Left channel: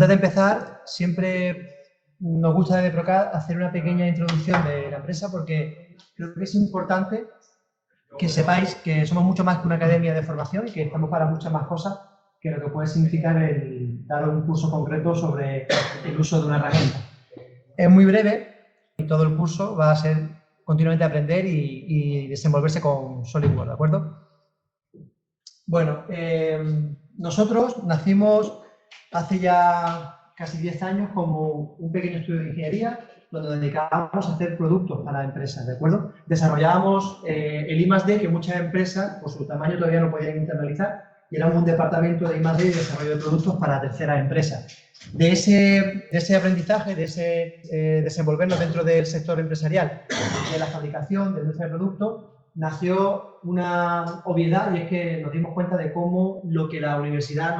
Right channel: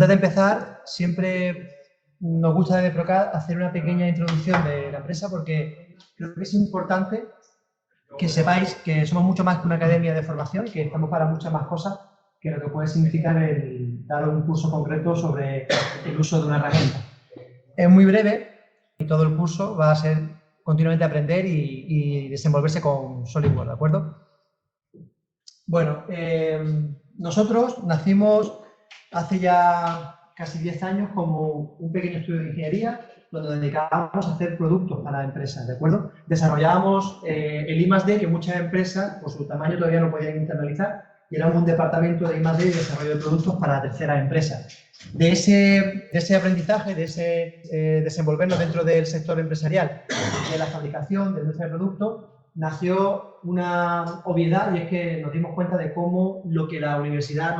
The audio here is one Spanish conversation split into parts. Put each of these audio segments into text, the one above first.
antes de empezar, siempre nos gusta desde Procad hacer una pequeña introducción de la empresa porque creo que es importante que sepáis que somos mucho más que una academia de formación, que estamos para muchas más cosas que lo que puede significar el dar un curso concreto sobre el uso de una herramienta. Es muy breve y todo el curso va a ser continuamente aprender y desenvolverse con SolidWorks, ¿de acuerdo? Bueno, nosotros nacimos hace ya casi 10 años como un pequeño estudio de ingeniería donde dedicábamos a hacer productos para empresas, ¿de acuerdo? Desarrollábamos el I+D que muchas empresas, por su tamaño, todavía no podían internalizar y era un departamento de I+D y desarrollo de productos para terceras empresas. De ese aprendizaje, de ese desenvolvernos dentro del sector empresarial, de la fabricación, de nuestro producto, nació una obviedad y es que nos dimos cuenta de cómo lo que la universidad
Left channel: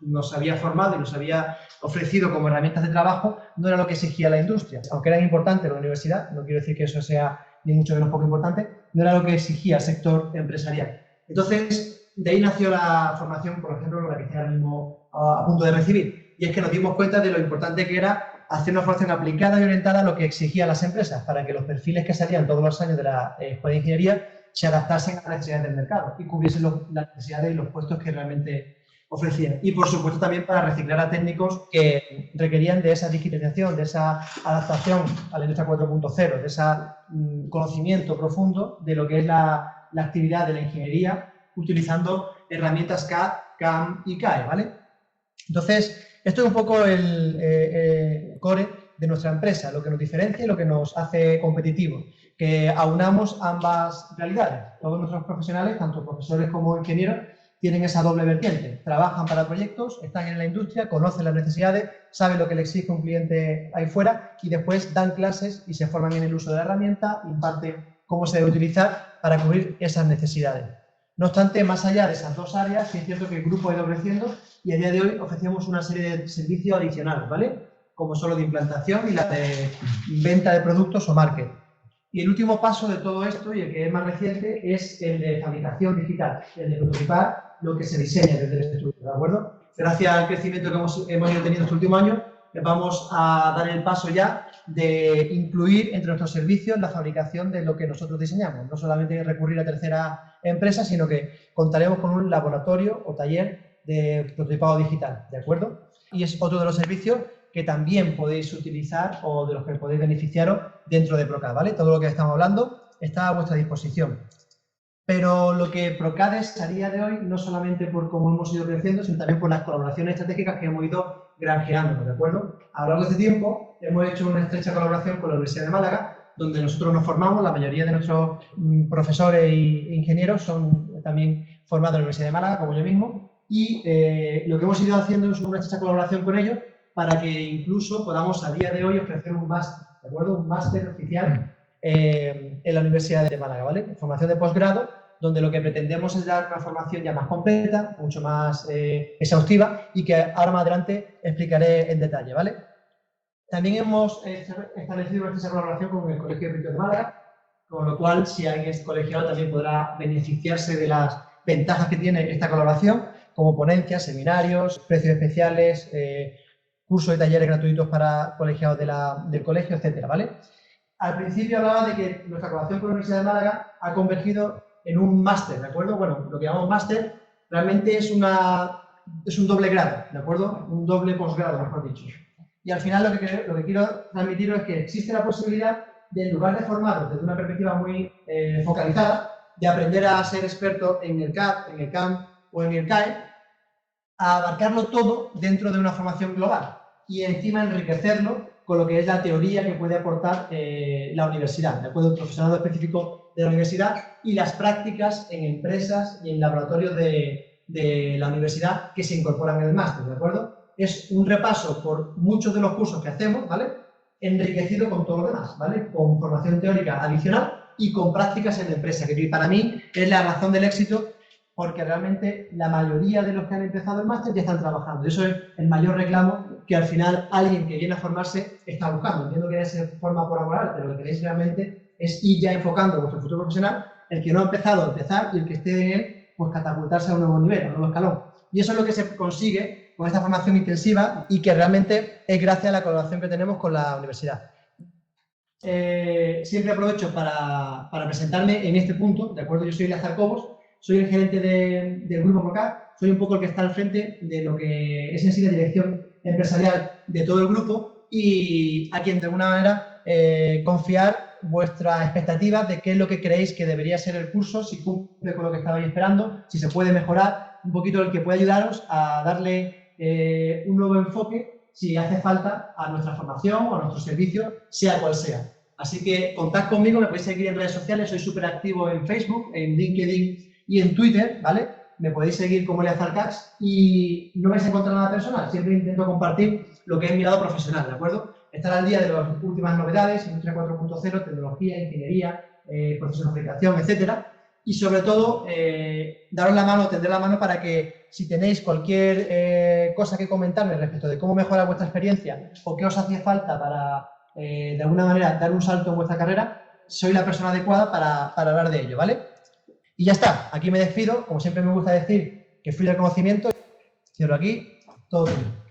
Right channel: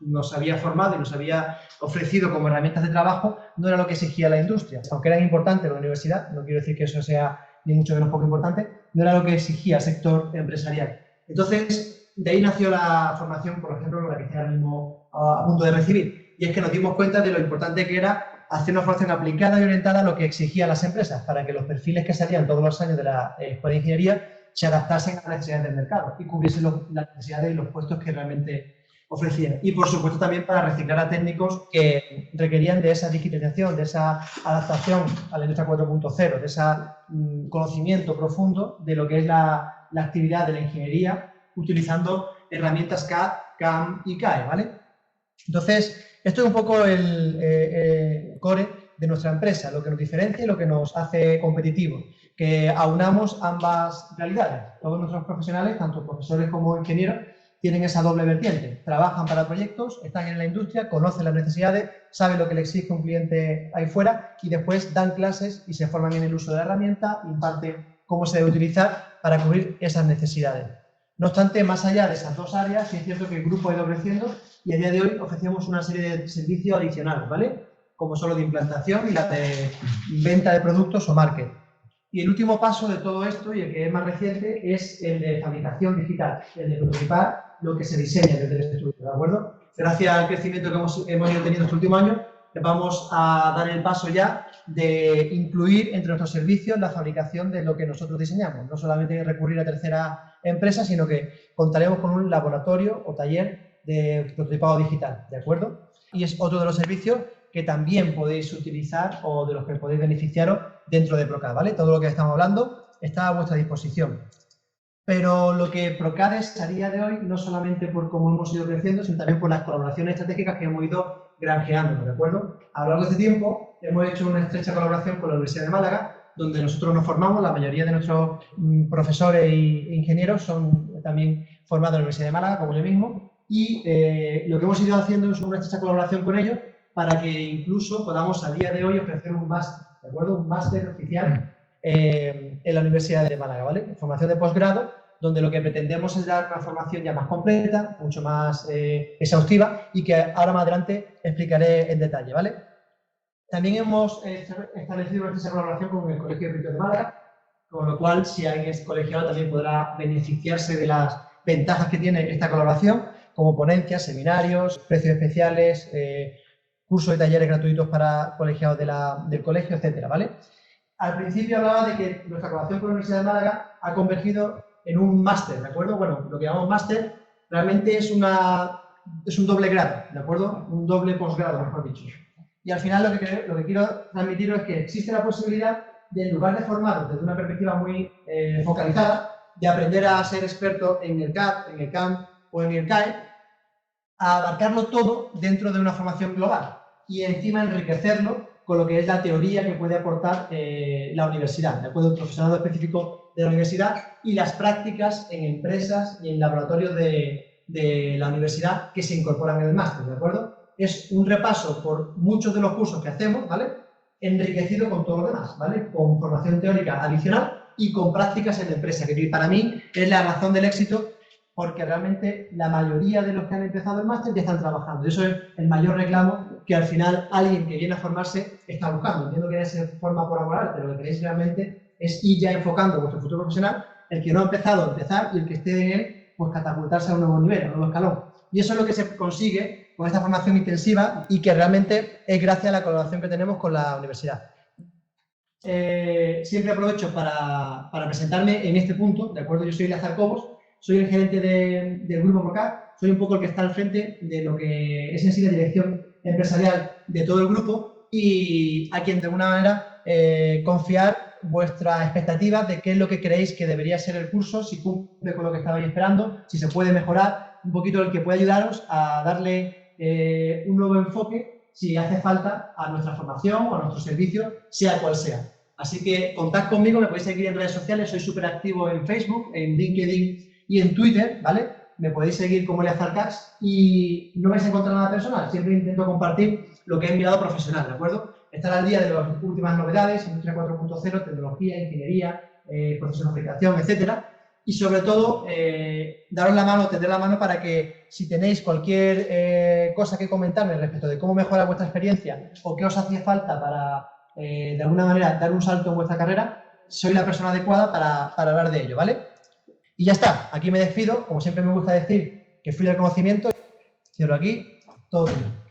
nos había formado y nos había ofrecido como herramientas de trabajo no era lo que exigía la industria. Aunque era importante la universidad, no quiero decir que eso sea ni mucho menos poco importante, no era lo que exigía el sector empresarial. Entonces, de ahí nació la formación, por ejemplo, con la que estoy ahora mismo a punto de recibir. Y es que nos dimos cuenta de lo importante que era hacer una formación aplicada y orientada a lo que exigían las empresas para que los perfiles que salían todos los años de la escuela de ingeniería se adaptasen a las necesidades del mercado y cubriesen las necesidades y los puestos que realmente ofrecían. Y por supuesto también para reciclar a técnicos que requerían de esa digitalización, de esa adaptación a la industria 4.0, de ese conocimiento profundo de lo que es la actividad de la ingeniería utilizando herramientas CAD, CAM y CAE, ¿vale? Entonces, esto es un poco el core de nuestra empresa, lo que nos diferencia y lo que nos hace competitivos, que aunamos ambas realidades. Todos nuestros profesionales, tanto profesores como ingenieros, tienen esa doble vertiente. Trabajan para proyectos, están en la industria, conocen las necesidades, saben lo que le exige un cliente ahí fuera y después dan clases y se forman en el uso de la herramienta, imparten cómo se debe utilizar para cubrir esas necesidades. No obstante, más allá de esas dos áreas, sí es cierto que el grupo ha ido creciendo y a día de hoy ofrecemos una serie de servicios adicionales, ¿vale? Como son los de implantación y la de venta de productos o marketing. Y el último paso de todo esto, y el que es más reciente, es el de fabricación digital, el de prototipar lo que se diseña desde el estudio, ¿de acuerdo? Gracias al crecimiento que hemos ido teniendo este último año, vamos a dar el paso ya de incluir entre nuestros servicios la fabricación de lo que nosotros diseñamos. No solamente recurrir a terceras empresas, sino que contaremos con un laboratorio o taller de prototipado digital, ¿de acuerdo? Y es otro de los servicios que también podéis utilizar o de los que podéis beneficiaros dentro de Procad, ¿vale? Todo lo que estamos hablando está a vuestra disposición. Pero lo que Procad es a día de hoy, no solamente por cómo hemos ido creciendo, sino también por las colaboraciones estratégicas que hemos ido granjeando, ¿de acuerdo? A lo largo de este tiempo hemos hecho una estrecha colaboración con la Universidad de Málaga, donde nosotros nos formamos, la mayoría de nuestros profesores e ingenieros son también formados en la Universidad de Málaga, como yo mismo, y lo que hemos ido haciendo es una estrecha colaboración con ellos para que incluso podamos a día de hoy ofrecer un máster, ¿de acuerdo? Un máster oficial en la Universidad de Málaga, ¿vale? Formación de posgrado, donde lo que pretendemos es dar una formación ya más completa, mucho más exhaustiva y que ahora más adelante explicaré en detalle, ¿vale? También hemos establecido esa colaboración con el Colegio de Peritos de Málaga, con lo cual, si alguien es colegiado, también podrá beneficiarse de las ventajas que tiene esta colaboración, como ponencias, seminarios, precios especiales, cursos de talleres gratuitos para colegiados del colegio, etcétera, ¿vale? Al principio hablaba de que nuestra colaboración con la Universidad de Málaga ha convergido en un máster, ¿de acuerdo? Bueno, lo que llamamos máster realmente es un doble grado, ¿de acuerdo? Un doble posgrado, mejor dicho. Y al final lo que quiero transmitir es que existe la posibilidad de, en lugar de formados desde una perspectiva muy focalizada, de aprender a ser experto en el CAD, en el CAM o en el CAE, a abarcarlo todo dentro de una formación global y encima enriquecerlo con lo que es la teoría que puede aportar la universidad, ¿de acuerdo? El profesorado específico de la universidad y las prácticas en empresas y en laboratorios de la universidad que se incorporan en el máster, ¿de acuerdo? Es un repaso por muchos de los cursos que hacemos, ¿vale? Enriquecido con todo lo demás, ¿vale? Con formación teórica adicional y con prácticas en la empresa, que para mí es la razón del éxito, porque realmente la mayoría de los que han empezado el máster ya están trabajando. Eso es el mayor reclamo que al final alguien que viene a formarse está buscando. Entiendo que se forma por amor, pero lo que queréis realmente es ir ya enfocando a vuestro futuro profesional, el que no ha empezado a empezar y el que esté en él, pues catapultarse a un nuevo nivel, a un nuevo escalón. Y eso es lo que se consigue con esta formación intensiva y que realmente es gracias a la colaboración que tenemos con la universidad. Siempre aprovecho para presentarme en este punto, ¿de acuerdo? Yo soy Lázaro Cobos, soy el gerente del grupo PROCAD, soy un poco el que está al frente de lo que es en sí la dirección empresarial de todo el grupo y a quien de alguna manera confiar vuestras expectativas de qué es lo que creéis que debería ser el curso, si cumple con lo que estabais esperando, si se puede mejorar, un poquito el que puede ayudaros a darle un nuevo enfoque si hace falta a nuestra formación o a nuestro servicio, sea cual sea. Así que contad conmigo, me podéis seguir en redes sociales, soy súper activo en Facebook, en LinkedIn y en Twitter, ¿vale? Me podéis seguir como Leazartax y no vais a encontrar nada personal, siempre intento compartir lo que es mi lado profesional, ¿de acuerdo? Estar al día de las últimas novedades, Industria 4.0, tecnología, ingeniería, profesionalización, etcétera. Y sobre todo, daros la mano, tender la mano para que si tenéis cualquier cosa que comentarme respecto de cómo mejorar vuestra experiencia o qué os hace falta para, de alguna manera, dar un salto en vuestra carrera, soy la persona adecuada para hablar de ello, ¿vale? Y ya está, aquí me despido, como siempre me gusta decir, que fui del conocimiento, cierro aquí, todo bien.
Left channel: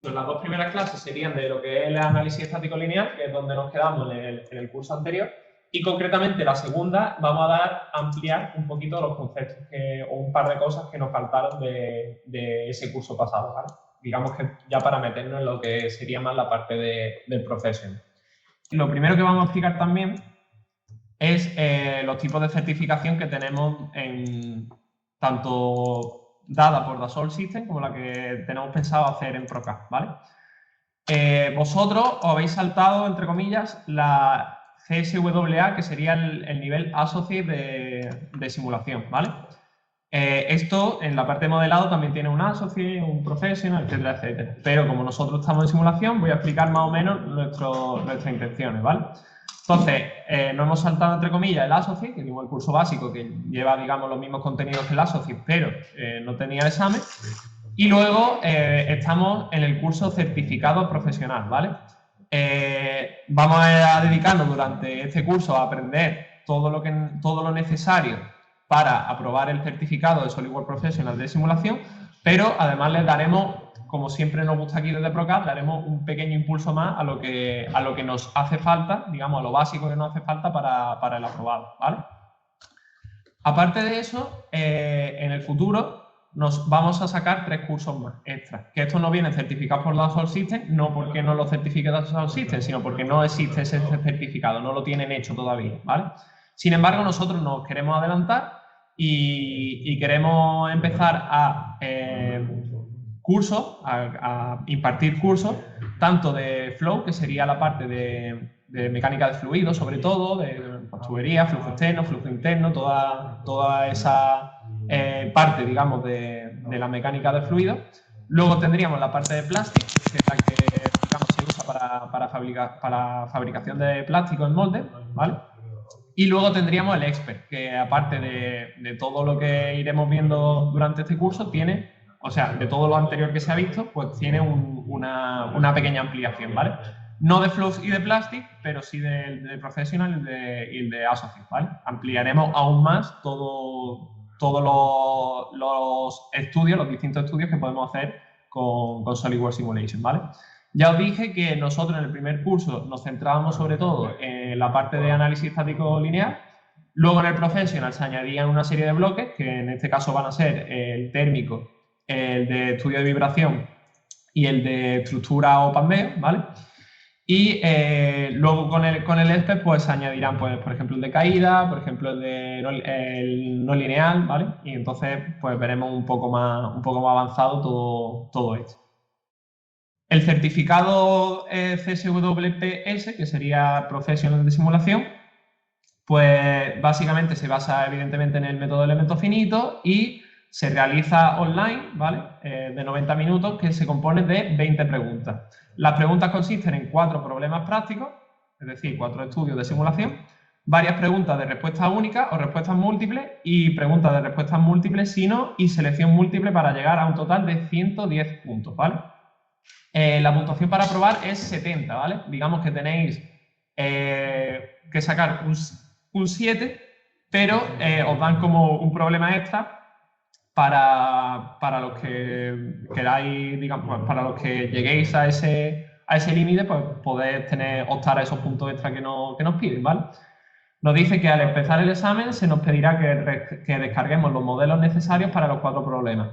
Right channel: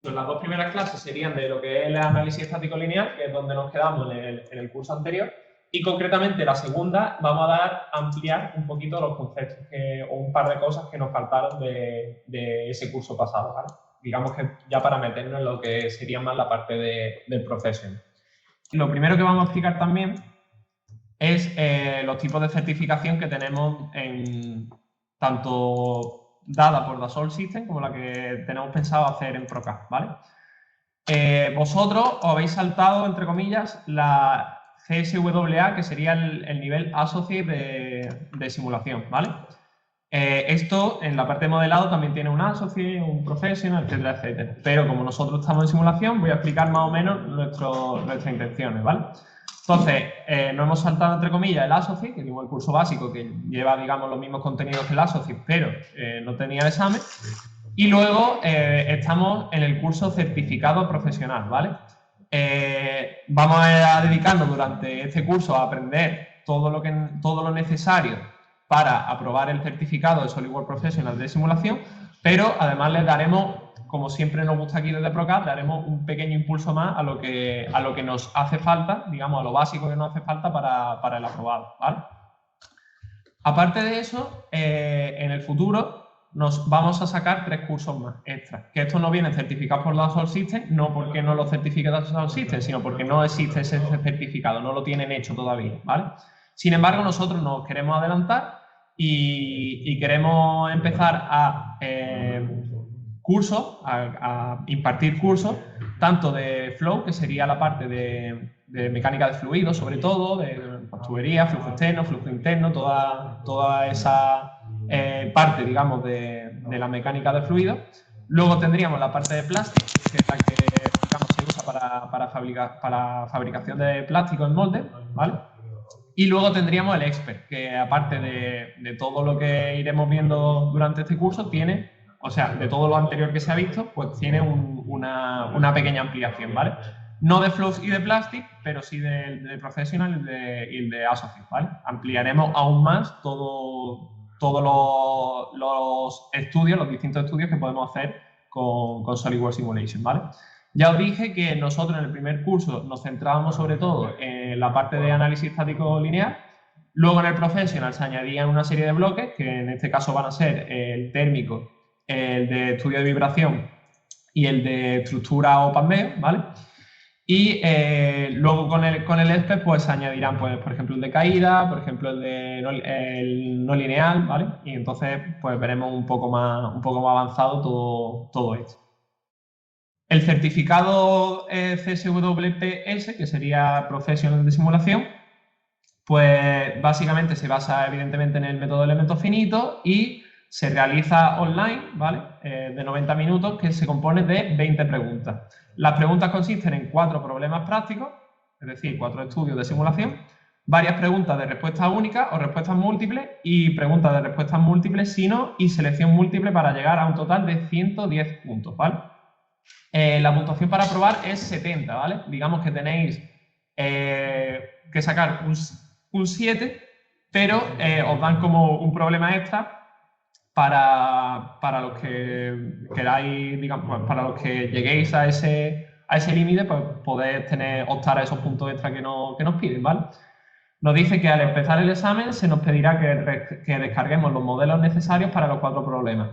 Pues las dos primeras clases serían de lo que es el análisis estático lineal, que es donde nos quedamos en el curso anterior, y concretamente la segunda vamos a ampliar un poquito los conceptos o un par de cosas que nos faltaron de ese curso pasado, ¿vale? Digamos que ya para meternos en lo que sería más la parte del profession. Lo primero que vamos a explicar también es los tipos de certificación que tenemos tanto dada por Dassault Systèmes como la que tenemos pensado hacer en PROCAD, ¿vale? Vosotros os habéis saltado, entre comillas, la CSWA, que sería el nivel Associate de simulación, ¿vale? Esto, en la parte de modelado, también tiene un Associate, un Professional, etcétera, etcétera. Pero como nosotros estamos en simulación, voy a explicar más o menos nuestras intenciones, ¿vale? Entonces, no hemos saltado, entre comillas, el Associate, que digo el curso básico, que lleva, digamos, los mismos contenidos que el Associate, pero no tenía examen. Y luego estamos en el curso certificado profesional, ¿vale? Vamos a dedicarnos durante este curso a aprender todo lo necesario para aprobar el certificado de SolidWorks Professional de simulación, pero además les daremos, como siempre nos gusta aquí desde PROCAD, daremos un pequeño impulso más a lo que nos hace falta, digamos, a lo básico que nos hace falta para el aprobado, ¿vale? Aparte de eso, en el futuro nos vamos a sacar 3 cursos más extra. Que estos no vienen certificados por Dassault Systèmes, no porque no lo certifique Dassault Systèmes, sino porque no existe ese certificado, no lo tienen hecho todavía, ¿vale? Sin embargo, nosotros nos queremos adelantar y queremos empezar a impartir cursos, tanto de flow, que sería la parte de mecánica de fluidos, sobre todo, de tubería, flujo interno, toda esa parte, digamos, de la mecánica de fluidos. Luego tendríamos la parte de plástico, que es la que, digamos, se usa para fabricación de plástico en molde, ¿vale? Y luego tendríamos el expert, que aparte de todo lo que iremos viendo durante este curso, tiene, o sea, de todo lo anterior que se ha visto, pues tiene una pequeña ampliación, ¿vale? No de flows y de plastic, pero sí de professional y el de associate, ¿vale? Ampliaremos aún más todos los estudios, los distintos estudios que podemos hacer con SolidWorks Simulation, ¿vale? Ya os dije que nosotros en el primer curso nos centrábamos sobre todo en la parte de análisis estático lineal. Luego en el professional se añadían una serie de bloques, que en este caso van a ser el térmico, el de estudio de vibración y el de estructura o PANME, ¿vale? Y luego con el ESPE pues se añadirán, pues, por ejemplo, el de caída, por ejemplo, el no lineal, ¿vale? Y entonces pues veremos un poco más avanzado todo esto. El certificado CSWPS, que sería Professional de Simulación, pues básicamente se basa evidentemente en el método de elementos finitos y se realiza online, ¿vale? De 90 minutos, que se compone de 20 preguntas. Las preguntas consisten en 4 problemas prácticos, es decir, 4 estudios de simulación, varias preguntas de respuesta única o respuestas múltiples y preguntas de respuestas múltiples, si no, y selección múltiple para llegar a un total de 110 puntos, ¿vale? La puntuación para aprobar es 70, ¿vale? Digamos que tenéis que sacar un 7, pero os dan como un problema extra para los que queráis, digamos, para los que lleguéis a ese límite, pues podéis optar a esos puntos extra que nos piden, ¿vale? Nos dice que al empezar el examen se nos pedirá que descarguemos los modelos necesarios para los 4 problemas.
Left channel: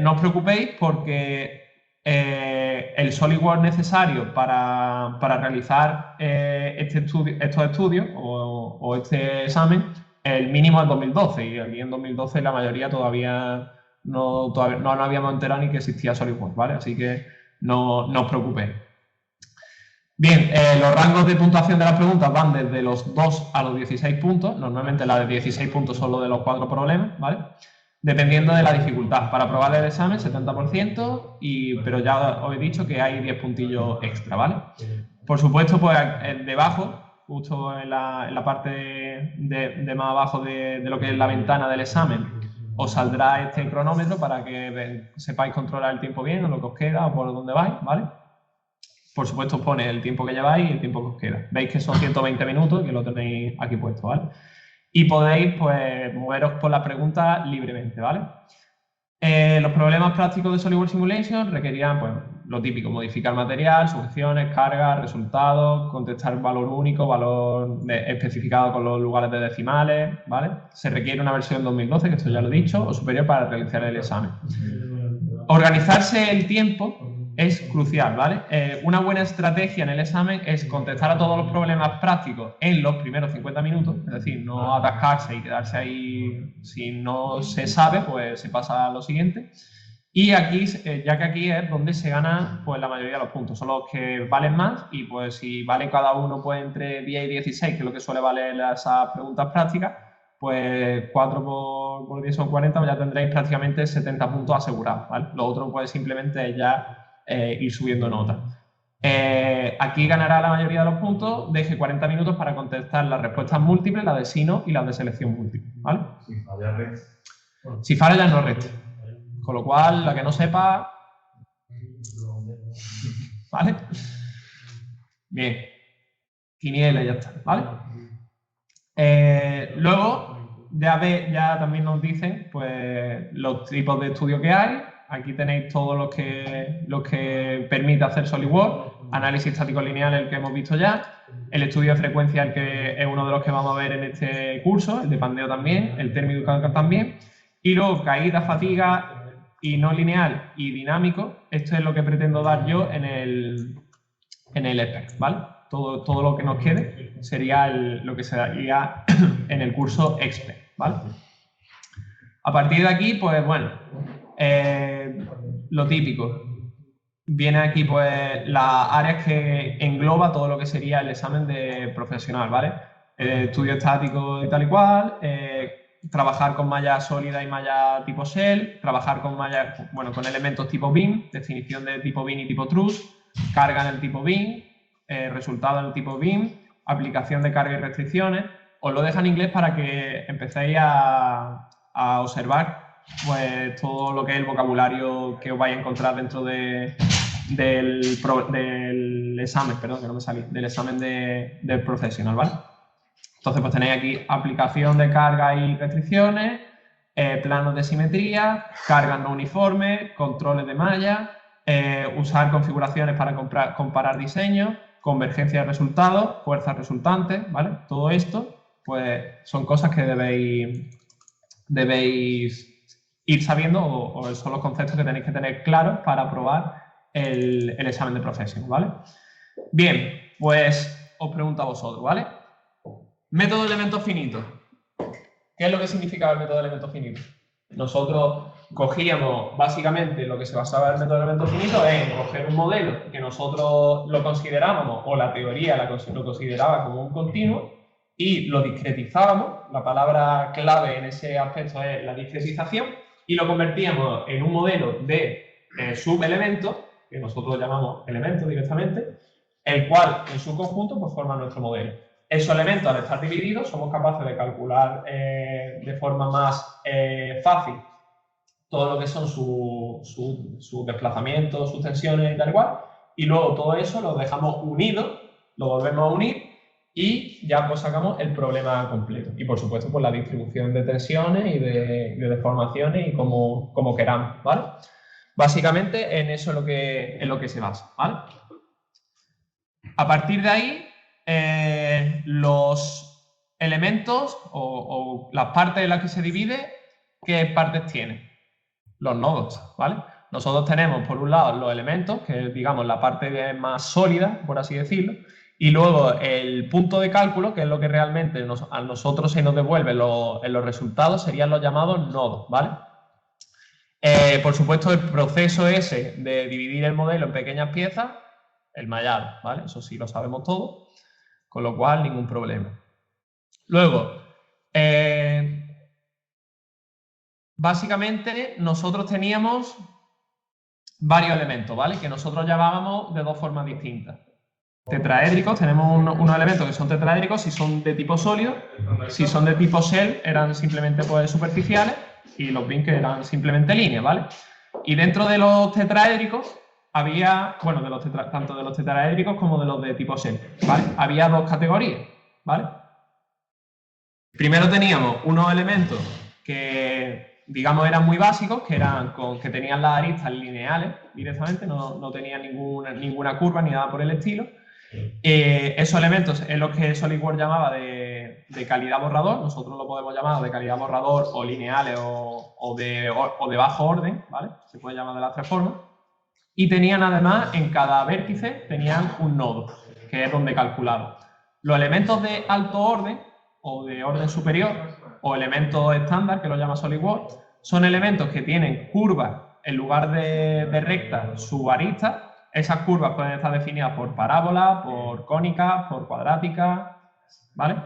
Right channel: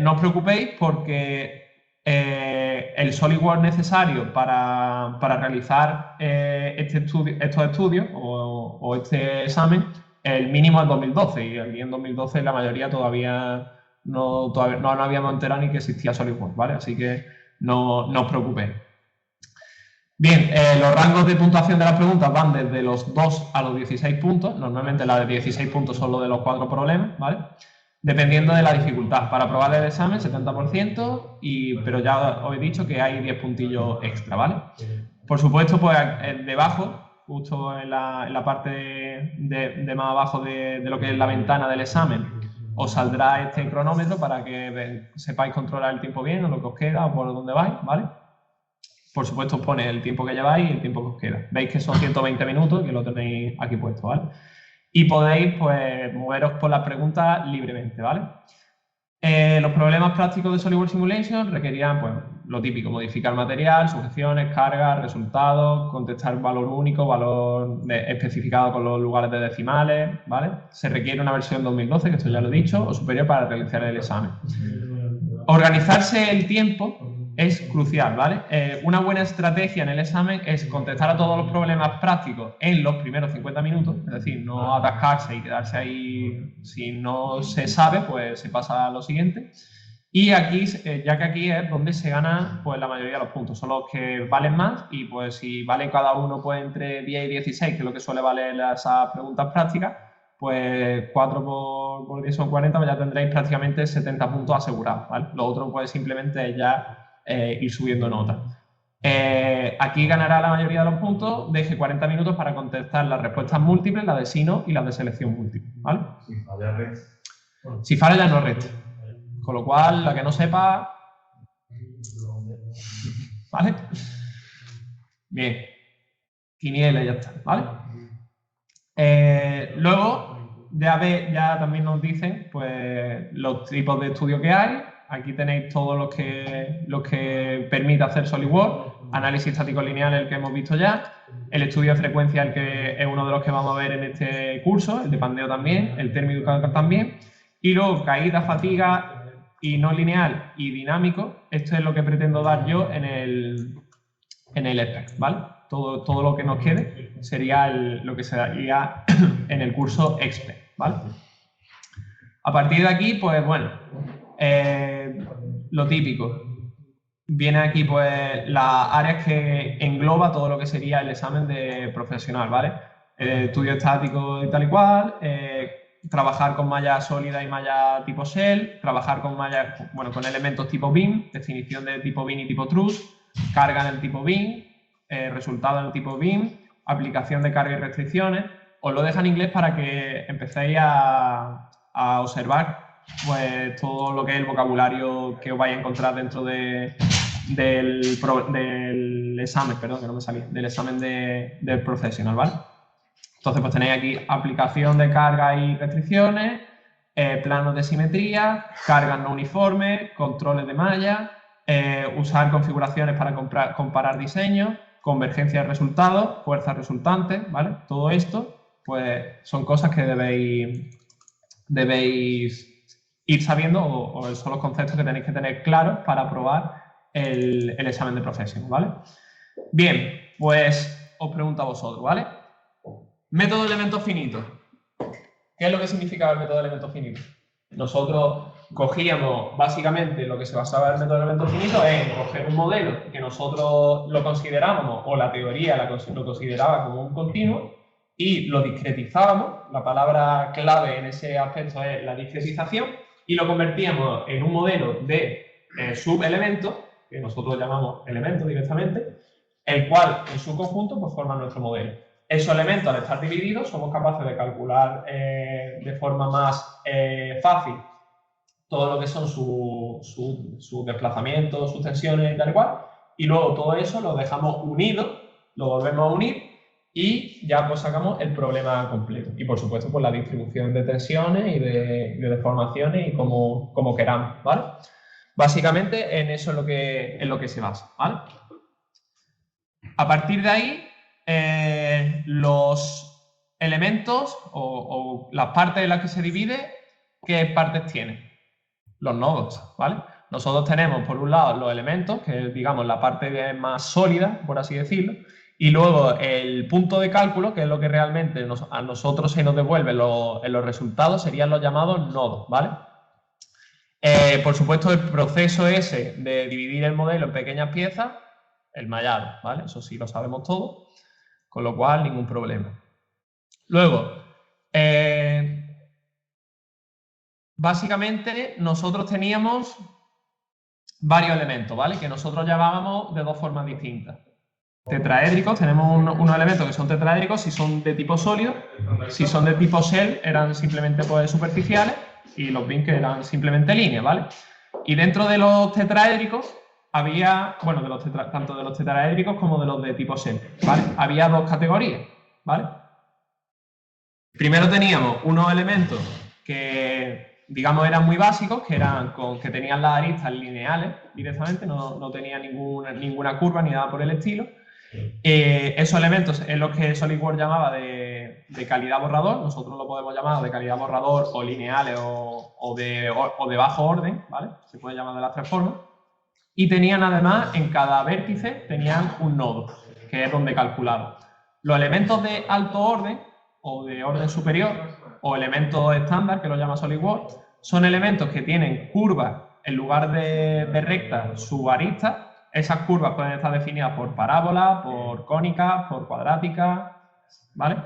No os preocupéis porque el SolidWorks necesario para realizar estos estudios o este examen, el mínimo es 2012, y aquí en 2012 la mayoría todavía no habíamos enterado ni que existía SolidWorks, ¿vale? Así que no os preocupéis. Bien, los rangos de puntuación de las preguntas van desde los 2 a los 16 puntos. Normalmente las de 16 puntos son los de los 4 problemas, ¿vale? Dependiendo de la dificultad. Para aprobar el examen, 70%, pero ya os he dicho que hay 10 puntillos extra, ¿vale? Por supuesto, pues debajo, justo en la parte de más abajo de lo que es la ventana del examen, os saldrá este cronómetro para que sepáis controlar el tiempo bien, o lo que os queda, o por dónde vais, ¿vale? Por supuesto, os pone el tiempo que lleváis y el tiempo que os queda. Veis que son 120 minutos, que lo tenéis aquí puesto, ¿vale? Y podéis, pues, moveros por la pregunta libremente, ¿vale? Los problemas prácticos de SolidWorks Simulation requerían, pues, lo típico: modificar material, sujeciones, cargas, resultados, contestar valor único, valor especificado con los lugares de decimales, ¿vale? Se requiere una versión 2012, que esto ya lo he dicho, o superior para realizar el examen. Organizarse el tiempo es crucial, ¿vale? Una buena estrategia en el examen es contestar a todos los problemas prácticos en los primeros 50 minutos, es decir, no atascarse y quedarse ahí. Si no se sabe, pues se pasa a lo siguiente. Y aquí, ya que aquí es donde se ganan, pues, la mayoría de los puntos, son los que valen más, y pues si vale cada uno, pues, entre 10 y 16, que es lo que suele valer esas preguntas prácticas, pues 4 por 10 son 40, pues ya tendréis prácticamente 70 puntos asegurados, ¿vale? Lo otro, pues, simplemente es ya ir subiendo nota. Aquí ganará la mayoría de los puntos. Deje 40 minutos para contestar las respuestas múltiples, la de sí, no y la de selección múltiple, ¿vale? Si falla ya no resta. Con lo cual, la que no sepa, ¿vale? Bien. Quiniela, ya está, ¿vale? Luego, ya también nos dicen, pues, los tipos de estudio que hay. Aquí tenéis todos los que permite hacer SolidWorks. Análisis estático lineal, el que hemos visto ya. El estudio de frecuencia, el que es uno de los que vamos a ver en este curso. El de pandeo también. El térmico también. Y luego, caída, fatiga y no lineal y dinámico. Esto es lo que pretendo dar yo en el EPEC, ¿vale? Todo lo que nos quede sería lo que se daría en el curso EXPERT, ¿vale? A partir de aquí, pues bueno, lo típico. Viene aquí, pues, las áreas que engloba todo lo que sería el examen de profesional, ¿vale? Estudio estático y tal y cual, trabajar con malla sólida y malla tipo shell, trabajar con malla, bueno, con elementos tipo BIM, definición de tipo BIM y tipo truss, carga del tipo BIM, resultado del tipo BIM, aplicación de carga y restricciones. Os lo dejo en inglés para que empecéis a observar, pues, todo lo que es el vocabulario que os vais a encontrar dentro del examen, perdón, que no me salía, del examen del professional, ¿vale? Entonces, pues tenéis aquí aplicación de carga y restricciones, planos de simetría, cargas no uniformes, controles de malla, usar configuraciones para comparar diseños, convergencia de resultados, fuerzas resultantes, ¿vale? Todo esto, pues, son cosas que debéis ir sabiendo, o son los conceptos que tenéis que tener claros para aprobar el examen de profesión, ¿vale? Bien, pues os pregunto a vosotros, ¿vale? Método de elementos finitos. ¿Qué es lo que significa el método de elementos finitos? Nosotros cogíamos, básicamente, lo que se basaba en el método de elementos finitos es coger un modelo que nosotros lo considerábamos, o la teoría lo consideraba como un continuo, y lo discretizábamos. La palabra clave en ese aspecto es la discretización, y lo convertíamos en un modelo de subelementos, que nosotros llamamos elementos directamente, el cual en su conjunto, pues, forma nuestro modelo. Esos elementos, al estar divididos, somos capaces de calcular de forma más fácil todo lo que son su desplazamiento, sus tensiones y tal cual, y luego todo eso lo dejamos unido, lo volvemos a unir, y ya pues sacamos el problema completo. Y por supuesto, pues la distribución de tensiones y de deformaciones y como queramos, ¿vale? Básicamente en eso es lo que se basa, ¿vale? A partir de ahí, los elementos o las partes en las que se divide, ¿qué partes tienen? Los nodos, ¿vale? Nosotros tenemos, por un lado, los elementos, que es, digamos, la parte más sólida, por así decirlo, y luego el punto de cálculo, que es lo que realmente a nosotros se nos devuelve en los resultados, serían los llamados nodos, ¿vale? Por supuesto, el proceso ese de dividir el modelo en pequeñas piezas, el mallado, ¿vale? Eso sí lo sabemos todo, con lo cual ningún problema. Luego, básicamente nosotros teníamos varios elementos, ¿vale? Que nosotros llamábamos de dos formas distintas. Tetraédricos, tenemos unos elementos que son tetraédricos si son de tipo sólido, si son de tipo shell eran simplemente pues, superficiales y los bin que eran simplemente líneas, ¿vale? Y dentro de los tetraédricos había, bueno, tanto de los tetraédricos como de los de tipo shell, ¿vale? Había dos categorías, ¿vale? Primero teníamos unos elementos que, digamos, eran muy básicos, que tenían las aristas lineales directamente, no tenían ninguna curva ni nada por el estilo. Esos elementos es lo que SolidWorks llamaba de calidad borrador, nosotros lo podemos llamar de calidad borrador o lineales o de bajo orden, ¿vale? Se puede llamar de las tres formas. Y tenían además, en cada vértice, tenían un nodo, que es donde calculaban. Los elementos de alto orden o de orden superior o elementos estándar, que lo llama SolidWorks, son elementos que tienen curvas en lugar de rectas subaristas. Esas curvas pueden estar definidas por parábolas, por cónicas, por cuadráticas, ¿vale?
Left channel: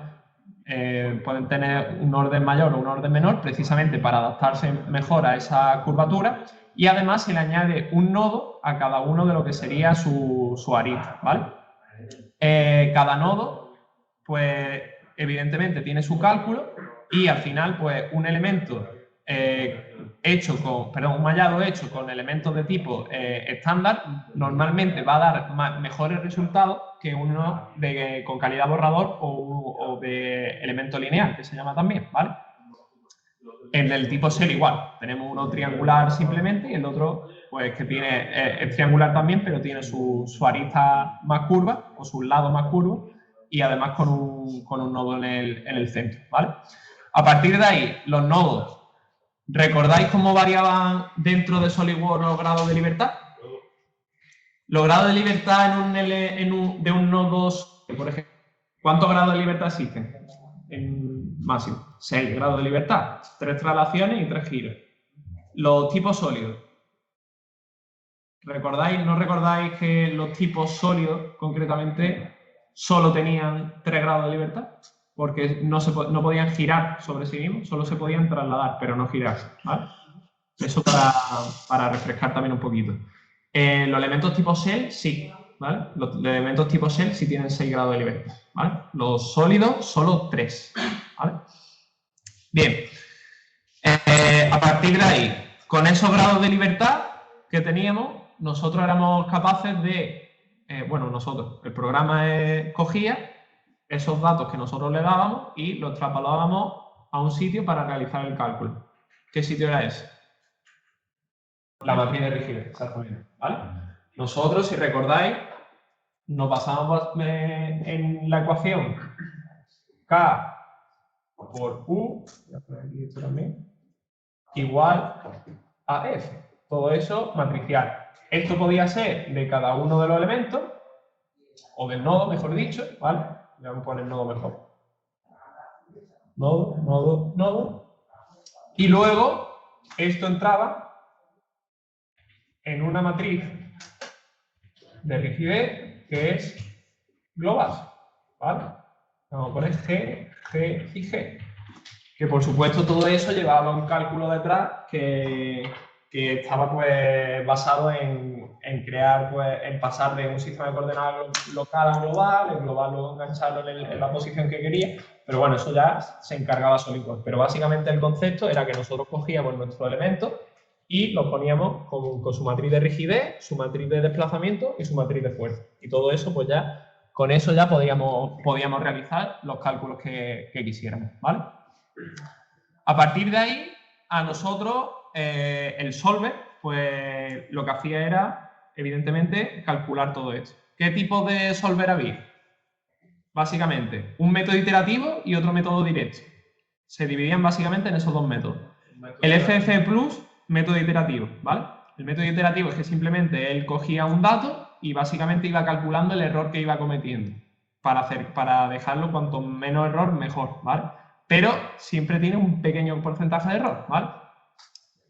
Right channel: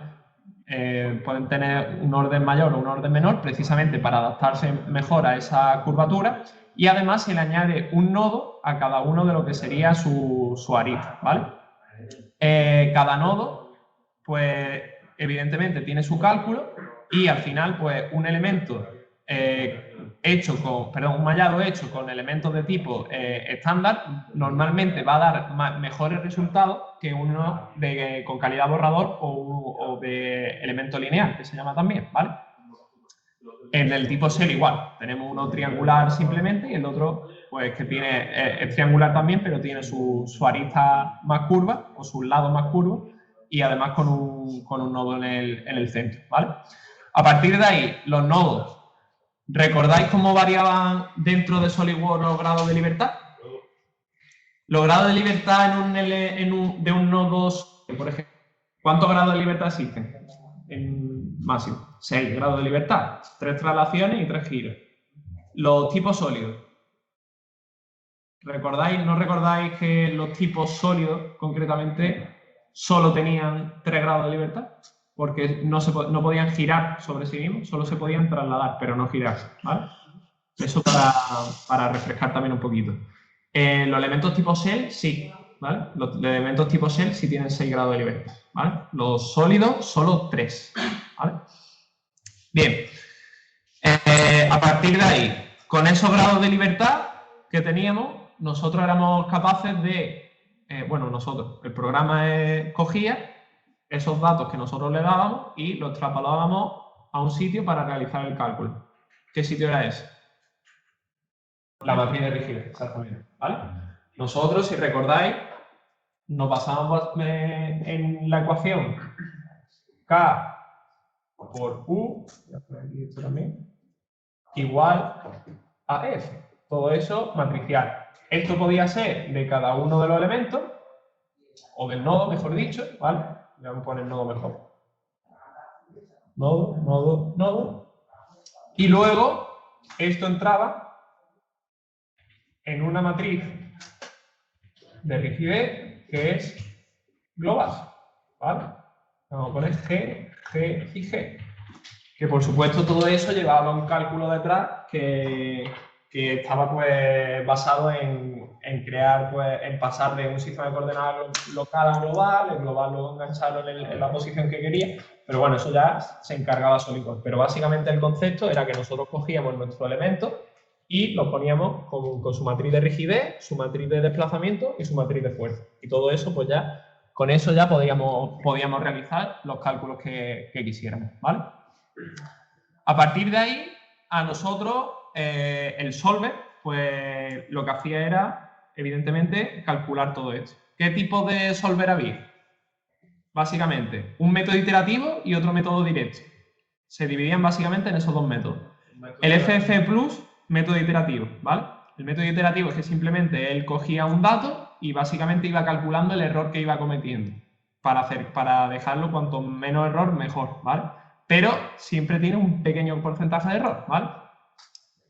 Pueden tener un orden mayor o un orden menor, precisamente para adaptarse mejor a esa curvatura, y además se le añade un nodo a cada uno de lo que sería su arista, ¿vale? Cada nodo, pues evidentemente tiene su cálculo y al final, pues un elemento un mallado hecho con elementos de tipo estándar normalmente va a dar mejores resultados que uno con calidad borrador o de elemento lineal, que se llama también, ¿vale? En el tipo C igual, tenemos uno triangular simplemente y el otro pues que tiene el triangular también, pero tiene su arista más curva o sus lados más curvos y además con un nodo en el centro, ¿vale? A partir de ahí, los nodos, ¿recordáis cómo variaban dentro de SolidWorks los grados de libertad? Los grados de libertad de un nodo, por ejemplo, ¿cuántos grados de libertad existen? En máximo, 6 grados de libertad, 3 traslaciones y 3 giros. Los tipos sólidos. ¿No recordáis que los tipos sólidos, concretamente, solo tenían 3 grados de libertad? Porque no podían girar sobre sí mismos, solo se podían trasladar, pero no girar, ¿vale? Eso para refrescar también un poquito. Los elementos tipo shell, sí, ¿vale? Los elementos tipo shell sí tienen 6 grados de libertad, ¿vale? Los sólidos, solo 3, ¿vale? Bien. A partir de ahí, con esos grados de libertad que teníamos, nosotros éramos capaces de, el programa cogía esos datos que nosotros le dábamos y los trasladábamos a un sitio para realizar el cálculo. ¿Qué sitio era ese? La matriz de rigidez, ¿vale? Nosotros, si recordáis, nos basábamos en la ecuación K por U igual a F. Todo eso matricial. Esto podía ser de cada uno de los elementos, o del nodo, mejor dicho, ¿vale? Le vamos a poner nodo mejor. Nodo, nodo, nodo. Y luego, esto entraba en una matriz de rigidez que es global, ¿vale? Vamos a poner G, G y G. Que por supuesto todo eso llevaba un cálculo detrás que estaba pues basado en crear, pues, en pasar de un sistema de coordenadas local a global, el global luego engancharlo en la posición que quería, pero bueno, eso ya se encargaba SolidWorks. Pero básicamente el concepto era que nosotros cogíamos nuestro elemento y lo poníamos con su matriz de rigidez, su matriz de desplazamiento y su matriz de fuerza. Y todo eso pues ya Con eso ya podíamos realizar los cálculos que quisiéramos, ¿vale? A partir de ahí, a nosotros, el solver, pues lo que hacía era, evidentemente, calcular todo eso. ¿Qué tipo de solver había? Básicamente, un método iterativo y otro método directo. Se dividían básicamente en esos dos métodos. El FF Plus, método iterativo, ¿vale? El método iterativo es que simplemente él cogía un dato y básicamente iba calculando el error que iba cometiendo para dejarlo cuanto menos error mejor, ¿vale? Pero siempre tiene un pequeño porcentaje de error, ¿vale?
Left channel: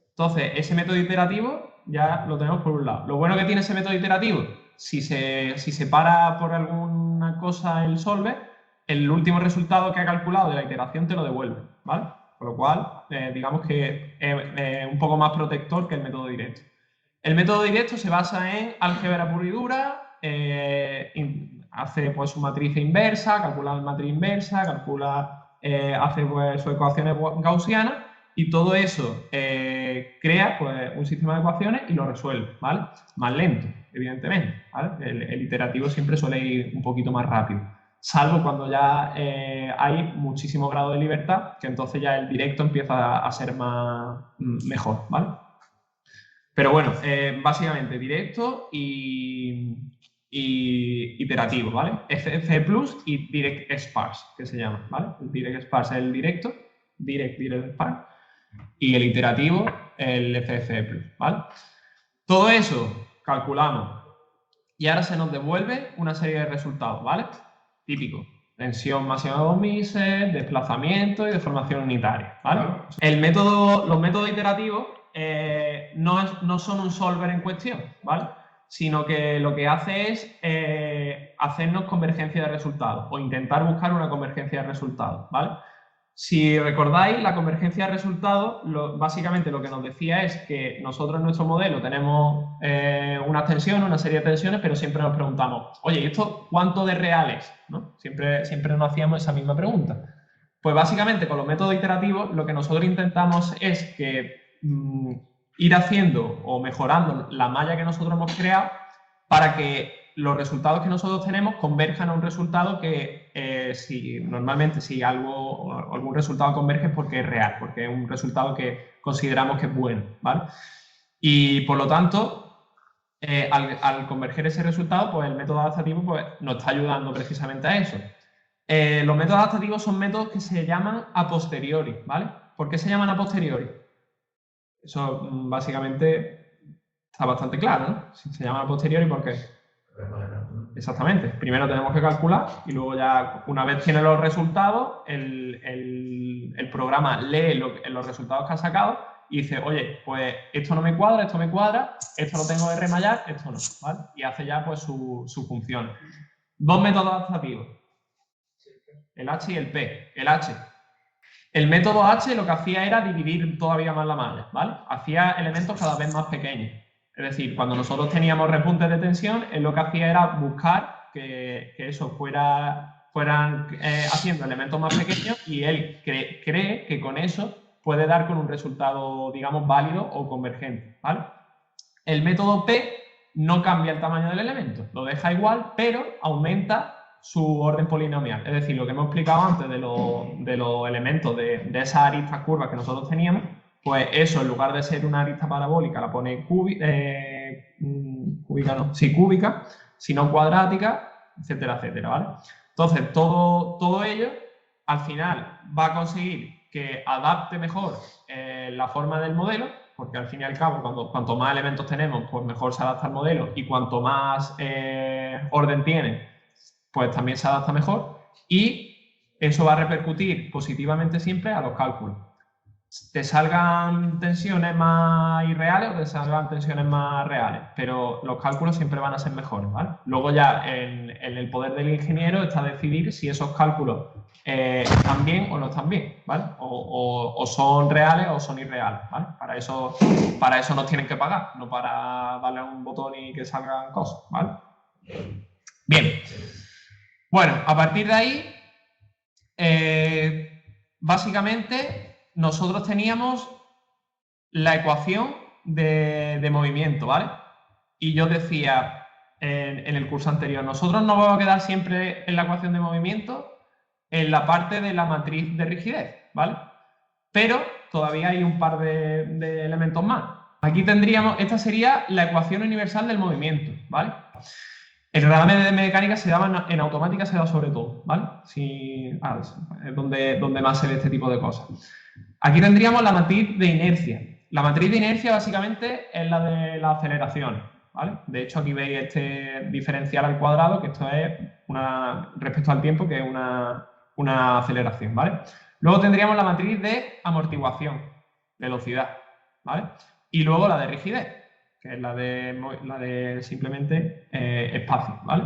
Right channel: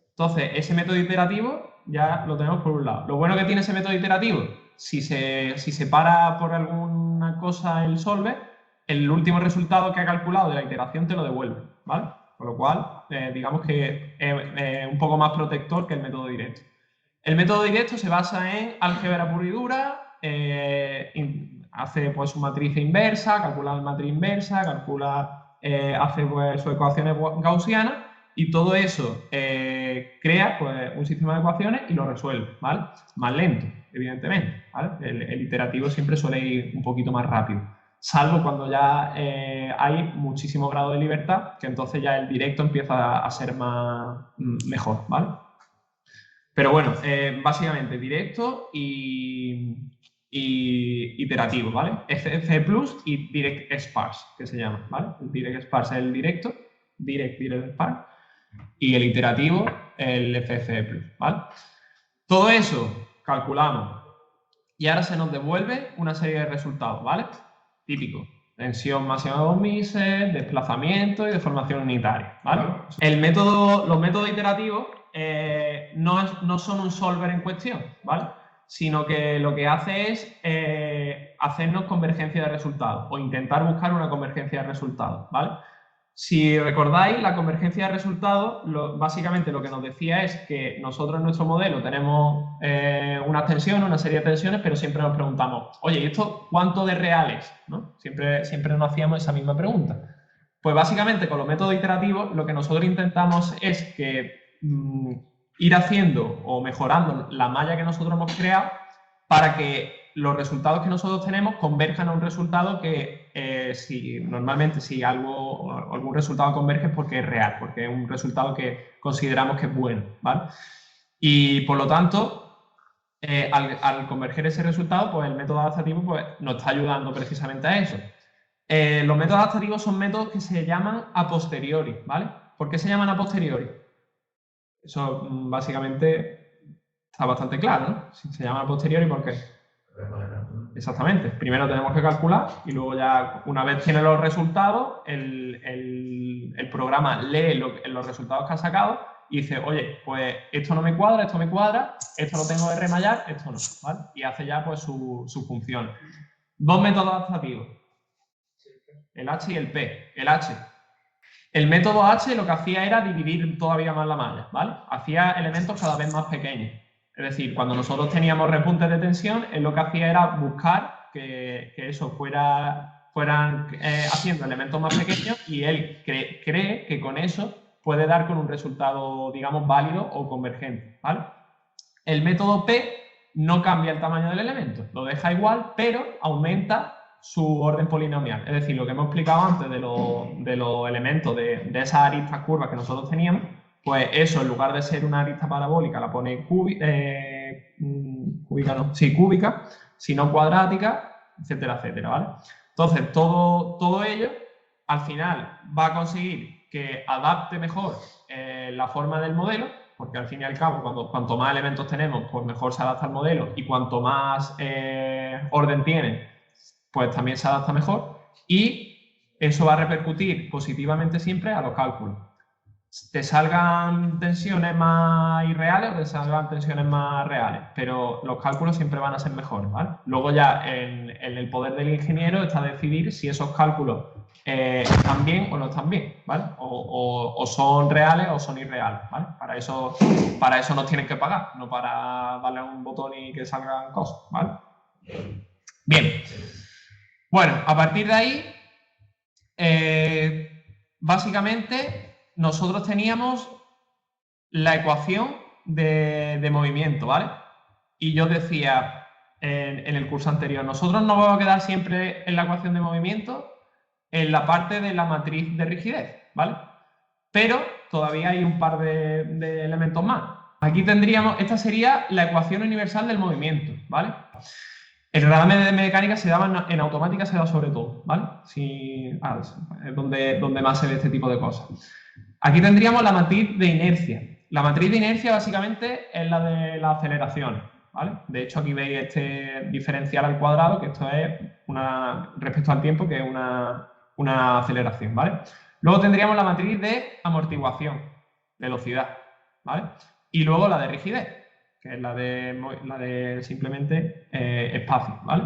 Entonces, ese método iterativo ya lo tenemos por un lado. Lo bueno que tiene ese método iterativo, si se para por alguna cosa el solver, el último resultado que ha calculado de la iteración te lo devuelve, ¿vale? Con lo cual, digamos que es un poco más protector que el método directo. El método directo se basa en álgebra pura y dura, hace pues, su matriz inversa, calcula la matriz inversa, hace pues, sus ecuaciones gaussianas y todo eso crea pues, un sistema de ecuaciones y lo resuelve, ¿vale? Más lento, evidentemente, ¿vale? El iterativo siempre suele ir un poquito más rápido, salvo cuando ya hay muchísimo grado de libertad, que entonces ya el directo empieza a ser mejor, ¿vale? Pero bueno, básicamente directo y iterativo, ¿vale? FF Plus y Direct Sparse, que se llama, ¿vale? El Direct Sparse es el directo, Direct Sparse, y el iterativo el FF Plus, ¿vale? Todo eso calculamos y ahora se nos devuelve una serie de resultados, ¿vale? Típico. Tensión máxima de 2 Mises, desplazamiento y deformación unitaria, ¿vale? Los métodos iterativos no son un solver en cuestión, ¿vale? Sino que lo que hace es hacernos convergencia de resultados o intentar buscar una convergencia de resultados, ¿vale? Si recordáis, la convergencia de resultados, básicamente lo que nos decía es que nosotros en nuestro modelo tenemos una tensión, una serie de tensiones, pero siempre nos preguntamos, oye, ¿y esto cuánto de real es? ¿No? Siempre nos hacíamos esa misma pregunta. Pues básicamente con los métodos iterativos lo que nosotros intentamos es que ir haciendo o mejorando la malla que nosotros hemos creado para que los resultados que nosotros tenemos converjan a un resultado que normalmente si algún resultado converge es porque es real, porque es un resultado que consideramos que es bueno, ¿vale? Y por lo tanto, al converger ese resultado, pues el método adaptativo pues, nos está ayudando precisamente a eso. Los métodos adaptativos son métodos que se llaman a posteriori, ¿vale? ¿Por qué se llaman a posteriori? Eso básicamente está bastante claro. Si se llama a posteriori, ¿por qué? Exactamente. Primero tenemos que calcular y luego ya, una vez tiene los resultados, el programa lee los resultados que ha sacado y dice, oye, pues esto no me cuadra, esto me cuadra, esto lo tengo que remallar, esto no, ¿vale? Y hace ya pues su función. Dos métodos adaptativos. El H y el P. El H. El método H lo que hacía era dividir todavía más la malla, ¿vale? Hacía elementos cada vez más pequeños. Es decir, cuando nosotros teníamos repuntes de tensión, él lo que hacía era buscar que eso fueran haciendo elementos más pequeños y él cree que con eso puede dar con un resultado, digamos, válido o convergente, ¿vale? El método T no cambia el tamaño del elemento, lo deja igual, pero aumenta su orden polinomial. Es decir, lo que hemos explicado antes de los elementos de esas aristas curvas que nosotros teníamos, pues eso, en lugar de ser una arista parabólica, la pone cúbica, sino cuadrática, etcétera, etcétera, ¿vale? Entonces, todo ello, al final, va a conseguir que adapte mejor la forma del modelo, porque al fin y al cabo, cuanto más elementos tenemos, pues mejor se adapta al modelo, y cuanto más orden tiene, pues también se adapta mejor, y eso va a repercutir positivamente siempre a los cálculos. Te salgan tensiones más irreales o te salgan tensiones más reales, pero los cálculos siempre van a ser mejores, ¿vale? Luego ya en el poder del ingeniero está decidir si esos cálculos están bien o no están bien, ¿vale? O son reales o son irreales, ¿vale? Para eso nos tienen que pagar, no para darle a un botón y que salgan cosas, ¿vale? Bien. Bueno, a partir de ahí, básicamente nosotros teníamos la ecuación de movimiento, ¿vale? Y yo decía, en el curso anterior. Nosotros nos vamos a quedar siempre en la ecuación de movimiento, en la parte de la matriz de rigidez, ¿vale? Pero todavía hay un par de elementos más. Aquí tendríamos, esta sería la ecuación universal del movimiento, ¿vale? El programa de mecánica se da en automática, se da sobre todo, ¿vale? Es donde más se ve este tipo de cosas. Aquí tendríamos la matriz de inercia. La matriz de inercia básicamente es la de la aceleración, ¿vale? De hecho, aquí veis este diferencial al cuadrado, que esto es respecto al tiempo, que es una aceleración, ¿vale? Luego tendríamos la matriz de amortiguación, velocidad, ¿vale? Y luego la de rigidez, que es la de simplemente espacio, ¿vale?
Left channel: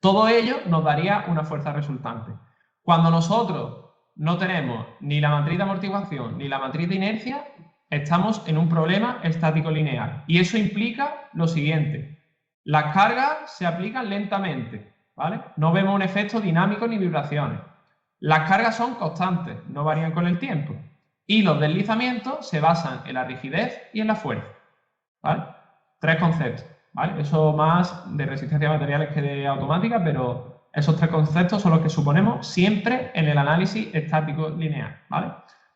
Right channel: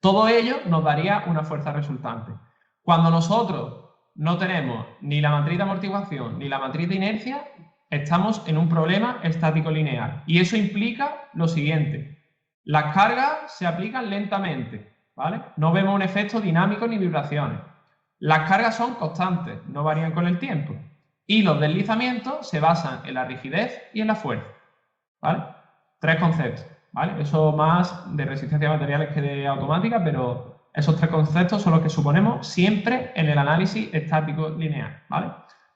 Todo ello nos daría una fuerza resultante. Cuando nosotros no tenemos ni la matriz de amortiguación ni la matriz de inercia, estamos en un problema estático lineal. Y eso implica lo siguiente: las cargas se aplican lentamente, ¿vale? No vemos un efecto dinámico ni vibraciones. Las cargas son constantes, no varían con el tiempo. Y los deslizamientos se basan en la rigidez y en la fuerza, ¿vale? Tres conceptos, ¿vale? Eso más de resistencia de materiales que de automática, pero esos tres conceptos son los que suponemos siempre en el análisis estático lineal, ¿vale?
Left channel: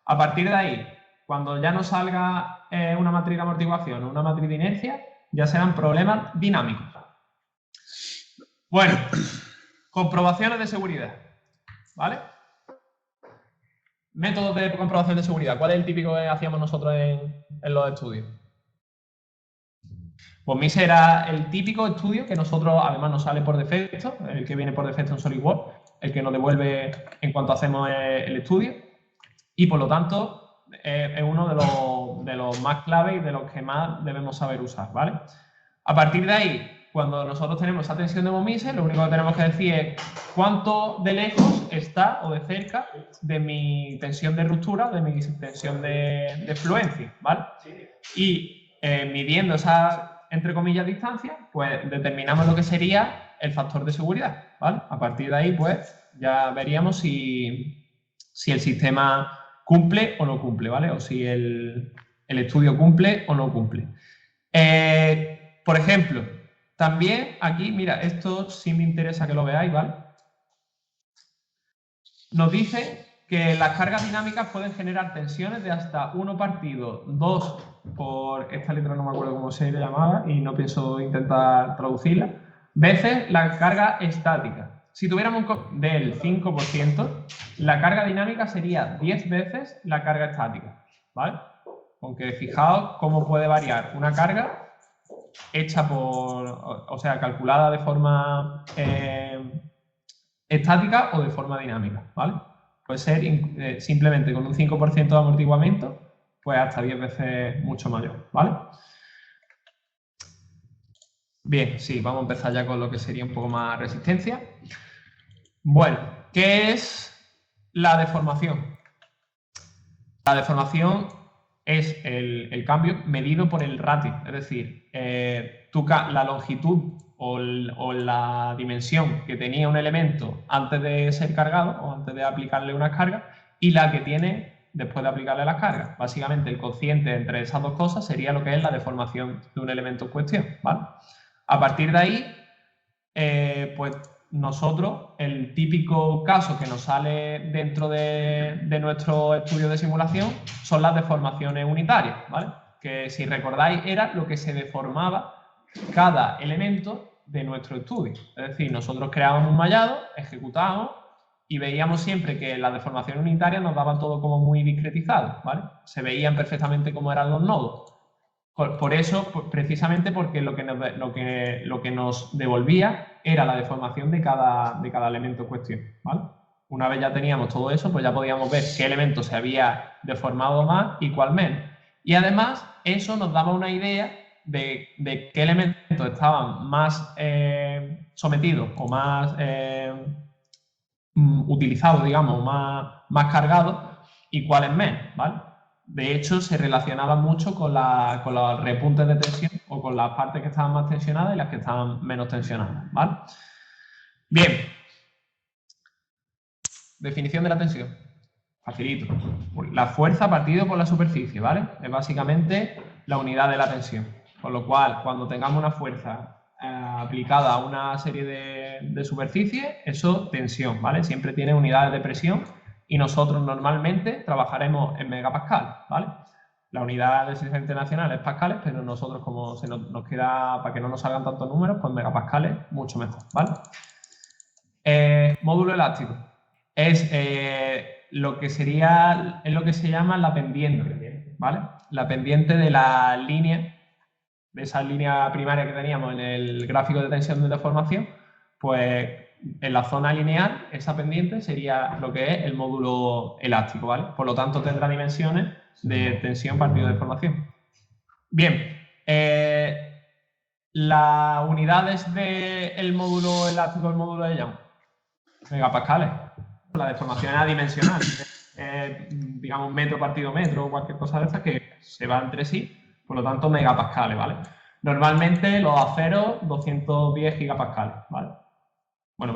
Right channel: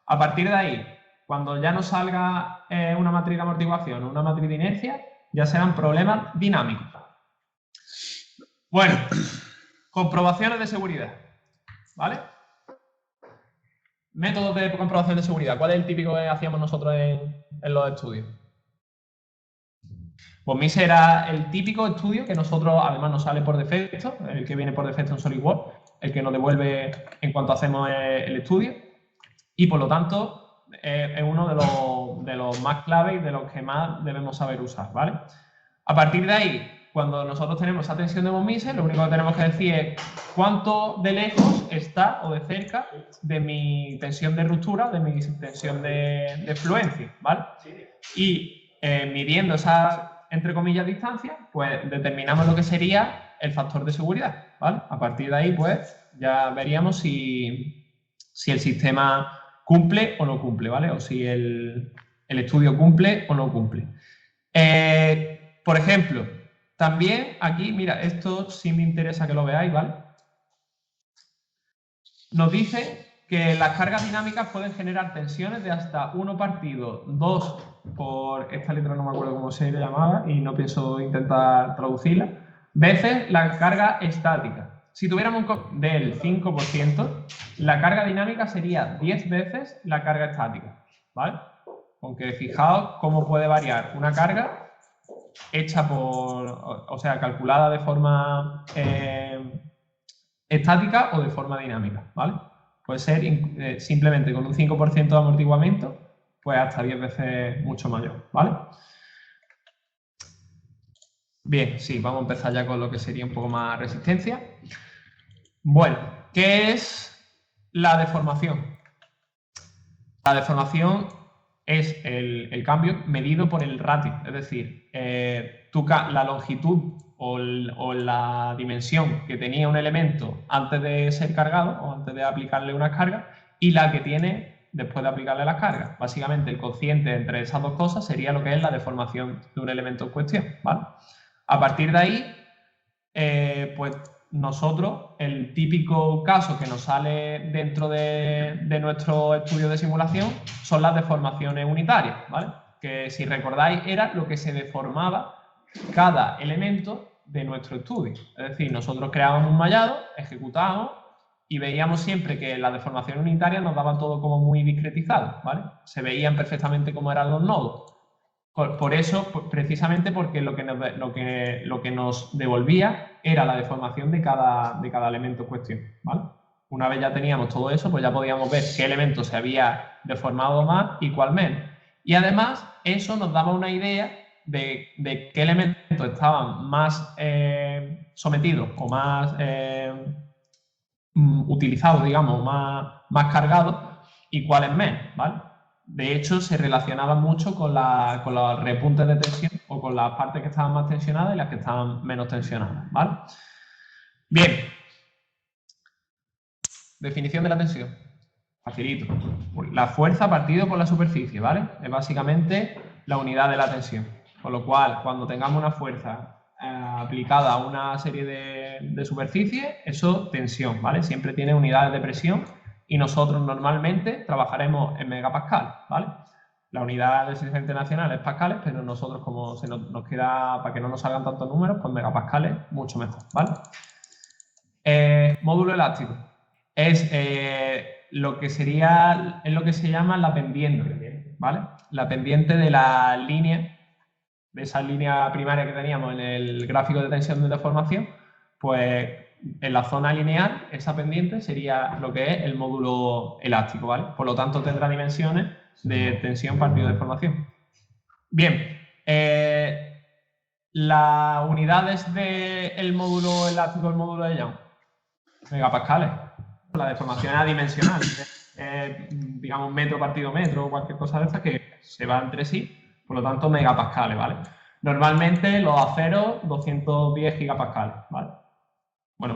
A partir de ahí, cuando ya nos salga una matriz de amortiguación o una matriz de inercia, ya serán problemas dinámicos. Bueno, comprobaciones de seguridad, ¿vale? Métodos de comprobación de seguridad. ¿Cuál es el típico que hacíamos nosotros en los estudios? Pues MIS era el típico estudio que nosotros, además, nos sale por defecto, el que viene por defecto en SolidWorks, el que nos devuelve en cuanto hacemos el estudio, y por lo tanto es uno de los más claves y de los que más debemos saber usar, ¿vale? A partir de ahí, cuando nosotros tenemos esa tensión de Momise, lo único que tenemos que decir es cuánto de lejos está o de cerca de mi tensión de ruptura, de mi tensión de fluencia, ¿vale? Y midiendo esa, entre comillas, distancia, pues determinamos lo que sería el factor de seguridad, ¿vale? A partir de ahí, pues ya veríamos si el sistema cumple o no cumple, ¿vale? O si el estudio cumple o no cumple. Por ejemplo, también aquí, mira, esto sí me interesa que lo veáis, ¿vale? Nos dice que las cargas dinámicas pueden generar tensiones de hasta 1 partido 2 por, esta letra no me acuerdo cómo se llamaba y no pienso intentar traducirla, veces la carga estática. Si tuviéramos del 5%, la carga dinámica sería 10 veces la carga estática, ¿vale? Aunque fijaos cómo puede variar una carga hecha o sea, calculada de forma estática o de forma dinámica, ¿vale? Puede ser simplemente con un 5% de amortiguamiento, pues hasta 10 veces mucho mayor, ¿vale? Bien, sí, vamos a empezar ya con lo que sería un poco más resistencia. Bueno, ¿qué es la deformación? La deformación es el cambio medido por el ratio, es decir, la longitud o la dimensión que tenía un elemento antes de ser cargado o antes de aplicarle unas cargas y la que tiene después de aplicarle las cargas. Básicamente el cociente entre esas dos cosas sería lo que es la deformación de un elemento en cuestión, ¿vale? A partir de ahí, pues nosotros, el típico caso que nos sale dentro de nuestro estudio de simulación son las deformaciones unitarias, ¿vale? Que si recordáis era lo que se deformaba cada elemento de nuestro estudio. Es decir, nosotros creábamos un mallado, ejecutábamos y veíamos siempre que las deformaciones unitarias nos daban todo como muy discretizado, ¿vale? Se veían perfectamente cómo eran los nodos. Por eso, precisamente porque lo que nos devolvía era la deformación de cada elemento en cuestión, ¿vale? Una vez ya teníamos todo eso, pues ya podíamos ver qué elemento se había deformado más y cuál menos. Y además, eso nos daba una idea de qué elementos estaban más sometidos o más utilizados, digamos, más cargados y cuáles menos, ¿vale? De hecho, se relacionaba mucho con los repuntes de tensión o con las partes que estaban más tensionadas y las que estaban menos tensionadas, ¿vale? Bien. Definición de la tensión. Facilito. La fuerza partido por la superficie, ¿vale? Es básicamente la unidad de la tensión. Con lo cual, cuando tengamos una fuerza aplicada a una serie de superficies, eso tensión, ¿vale? Siempre tiene unidades de presión y nosotros normalmente trabajaremos en megapascales, ¿vale? La unidad de exigencia internacional es pascales, pero nosotros, como nos queda, para que no nos salgan tantos números, pues megapascales, mucho mejor, ¿vale? Módulo elástico. Es lo que se llama la pendiente, ¿vale? La pendiente de la línea, de esa línea primaria que teníamos en el gráfico de tensión de deformación, pues en la zona lineal, esa pendiente sería lo que es el módulo elástico, ¿vale? Por lo tanto, tendrá dimensiones de tensión partido de deformación. Bien, las unidades del módulo elástico, el módulo de Young, megapascales. La deformación es adimensional, digamos metro partido metro o cualquier cosa de esta que se va entre sí, por lo tanto megapascales, ¿vale? Normalmente los aceros 210 gigapascales, ¿vale? Bueno,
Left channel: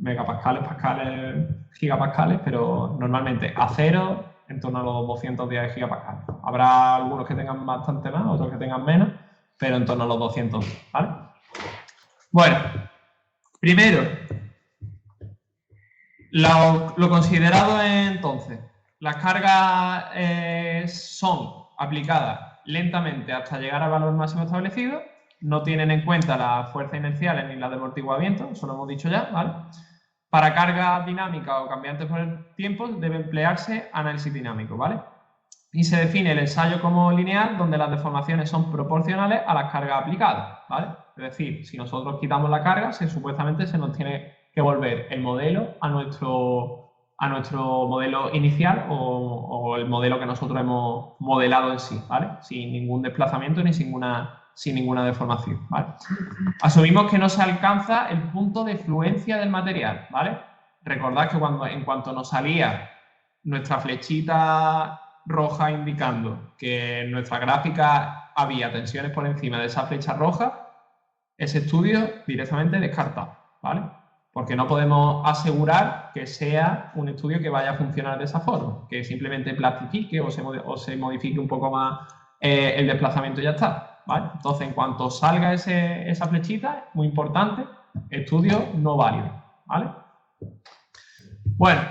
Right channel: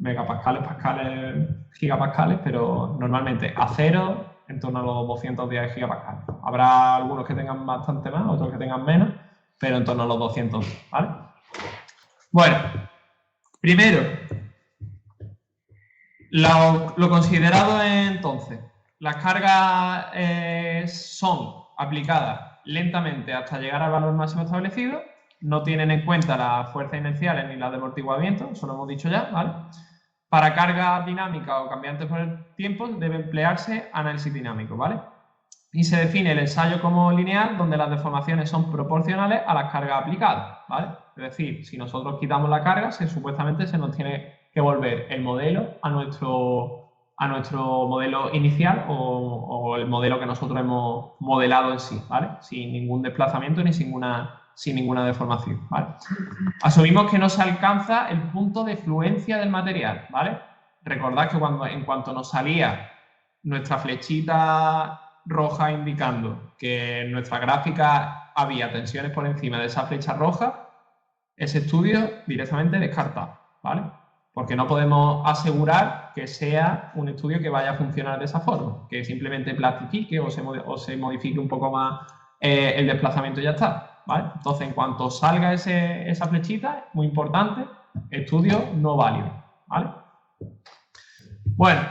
megapascales, pascales, gigapascales, pero normalmente acero en torno a los 210 gigapascales. Habrá algunos que tengan bastante más, otros que tengan menos, pero en torno a los 200, ¿vale? Bueno, primero, lo considerado es entonces, las cargas son aplicadas lentamente hasta llegar al valor máximo establecido, no tienen en cuenta las fuerzas inerciales ni las de amortiguamiento, eso lo hemos dicho ya, ¿vale? Para cargas dinámicas o cambiantes por el tiempo debe emplearse análisis dinámico, ¿vale? Y se define el ensayo como lineal, donde las deformaciones son proporcionales a las cargas aplicadas, ¿vale? Es decir, si nosotros quitamos la carga, supuestamente se nos tiene que volver el modelo a nuestro modelo inicial o el modelo que nosotros hemos modelado en sí, ¿vale? Sin ningún desplazamiento ni sin ninguna deformación, ¿vale? Asumimos que no se alcanza el punto de fluencia del material, ¿vale? Recordad que en cuanto nos salía nuestra flechita roja indicando que en nuestra gráfica había tensiones por encima de esa flecha roja, ese estudio directamente descartado, ¿vale? Porque no podemos asegurar que sea un estudio que vaya a funcionar de esa forma, que simplemente plastifique o se modifique un poco más el desplazamiento y ya está, ¿vale? Entonces, en cuanto salga esa flechita, muy importante, estudio no válido, ¿vale? Bueno,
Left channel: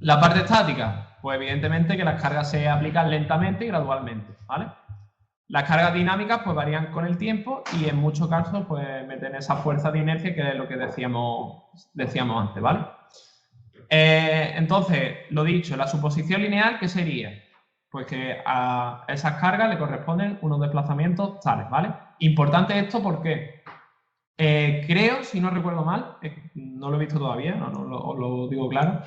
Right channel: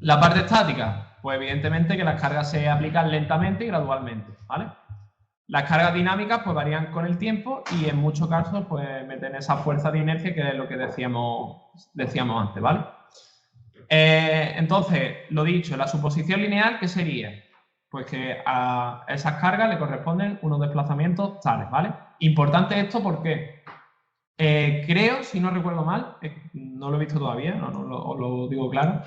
la parte estática, pues evidentemente que las cargas se aplican lentamente y gradualmente, ¿vale? Las cargas dinámicas pues varían con el tiempo y en muchos casos pues meten esa fuerza de inercia que es lo que decíamos antes, ¿vale? Entonces, lo dicho, la suposición lineal, ¿qué sería? Pues que a esas cargas le corresponden unos desplazamientos tales, ¿vale? Importante esto porque creo, si no recuerdo mal, no lo he visto todavía, no lo digo claro,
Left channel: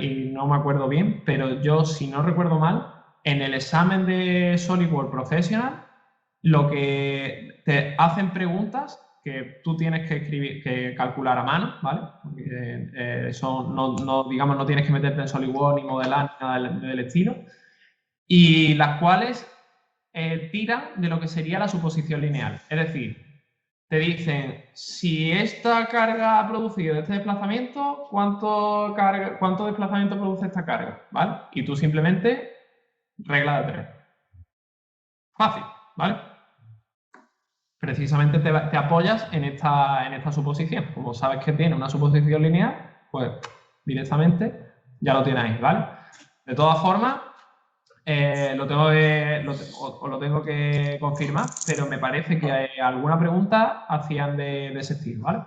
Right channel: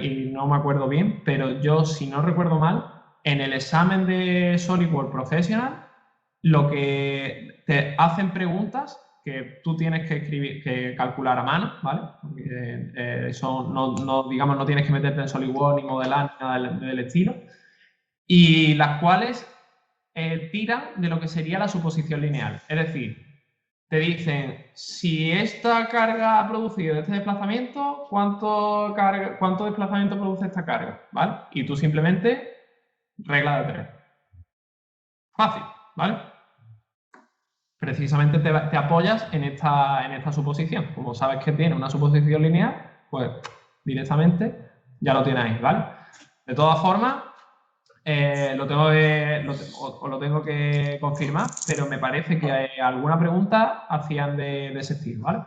y no me acuerdo bien, pero yo, si no recuerdo mal, en el examen de SolidWorks Professional, lo que te hacen preguntas que tú tienes que calcular a mano, ¿vale? Porque eso digamos, no tienes que meterte en SolidWorks ni modelar nada del estilo, y las cuales tiran de lo que sería la suposición lineal. Es decir, te dicen, si esta carga ha producido este desplazamiento, ¿cuánto desplazamiento produce esta carga? ¿Vale? Y tú simplemente, regla de 3. Fácil, ¿vale? Precisamente te apoyas en esta suposición. Como sabes que tiene una suposición lineal, pues directamente ya lo tienes ahí, ¿vale? De todas formas, os lo tengo que confirmar, pero me parece que alguna pregunta hacían de ese estilo, ¿vale?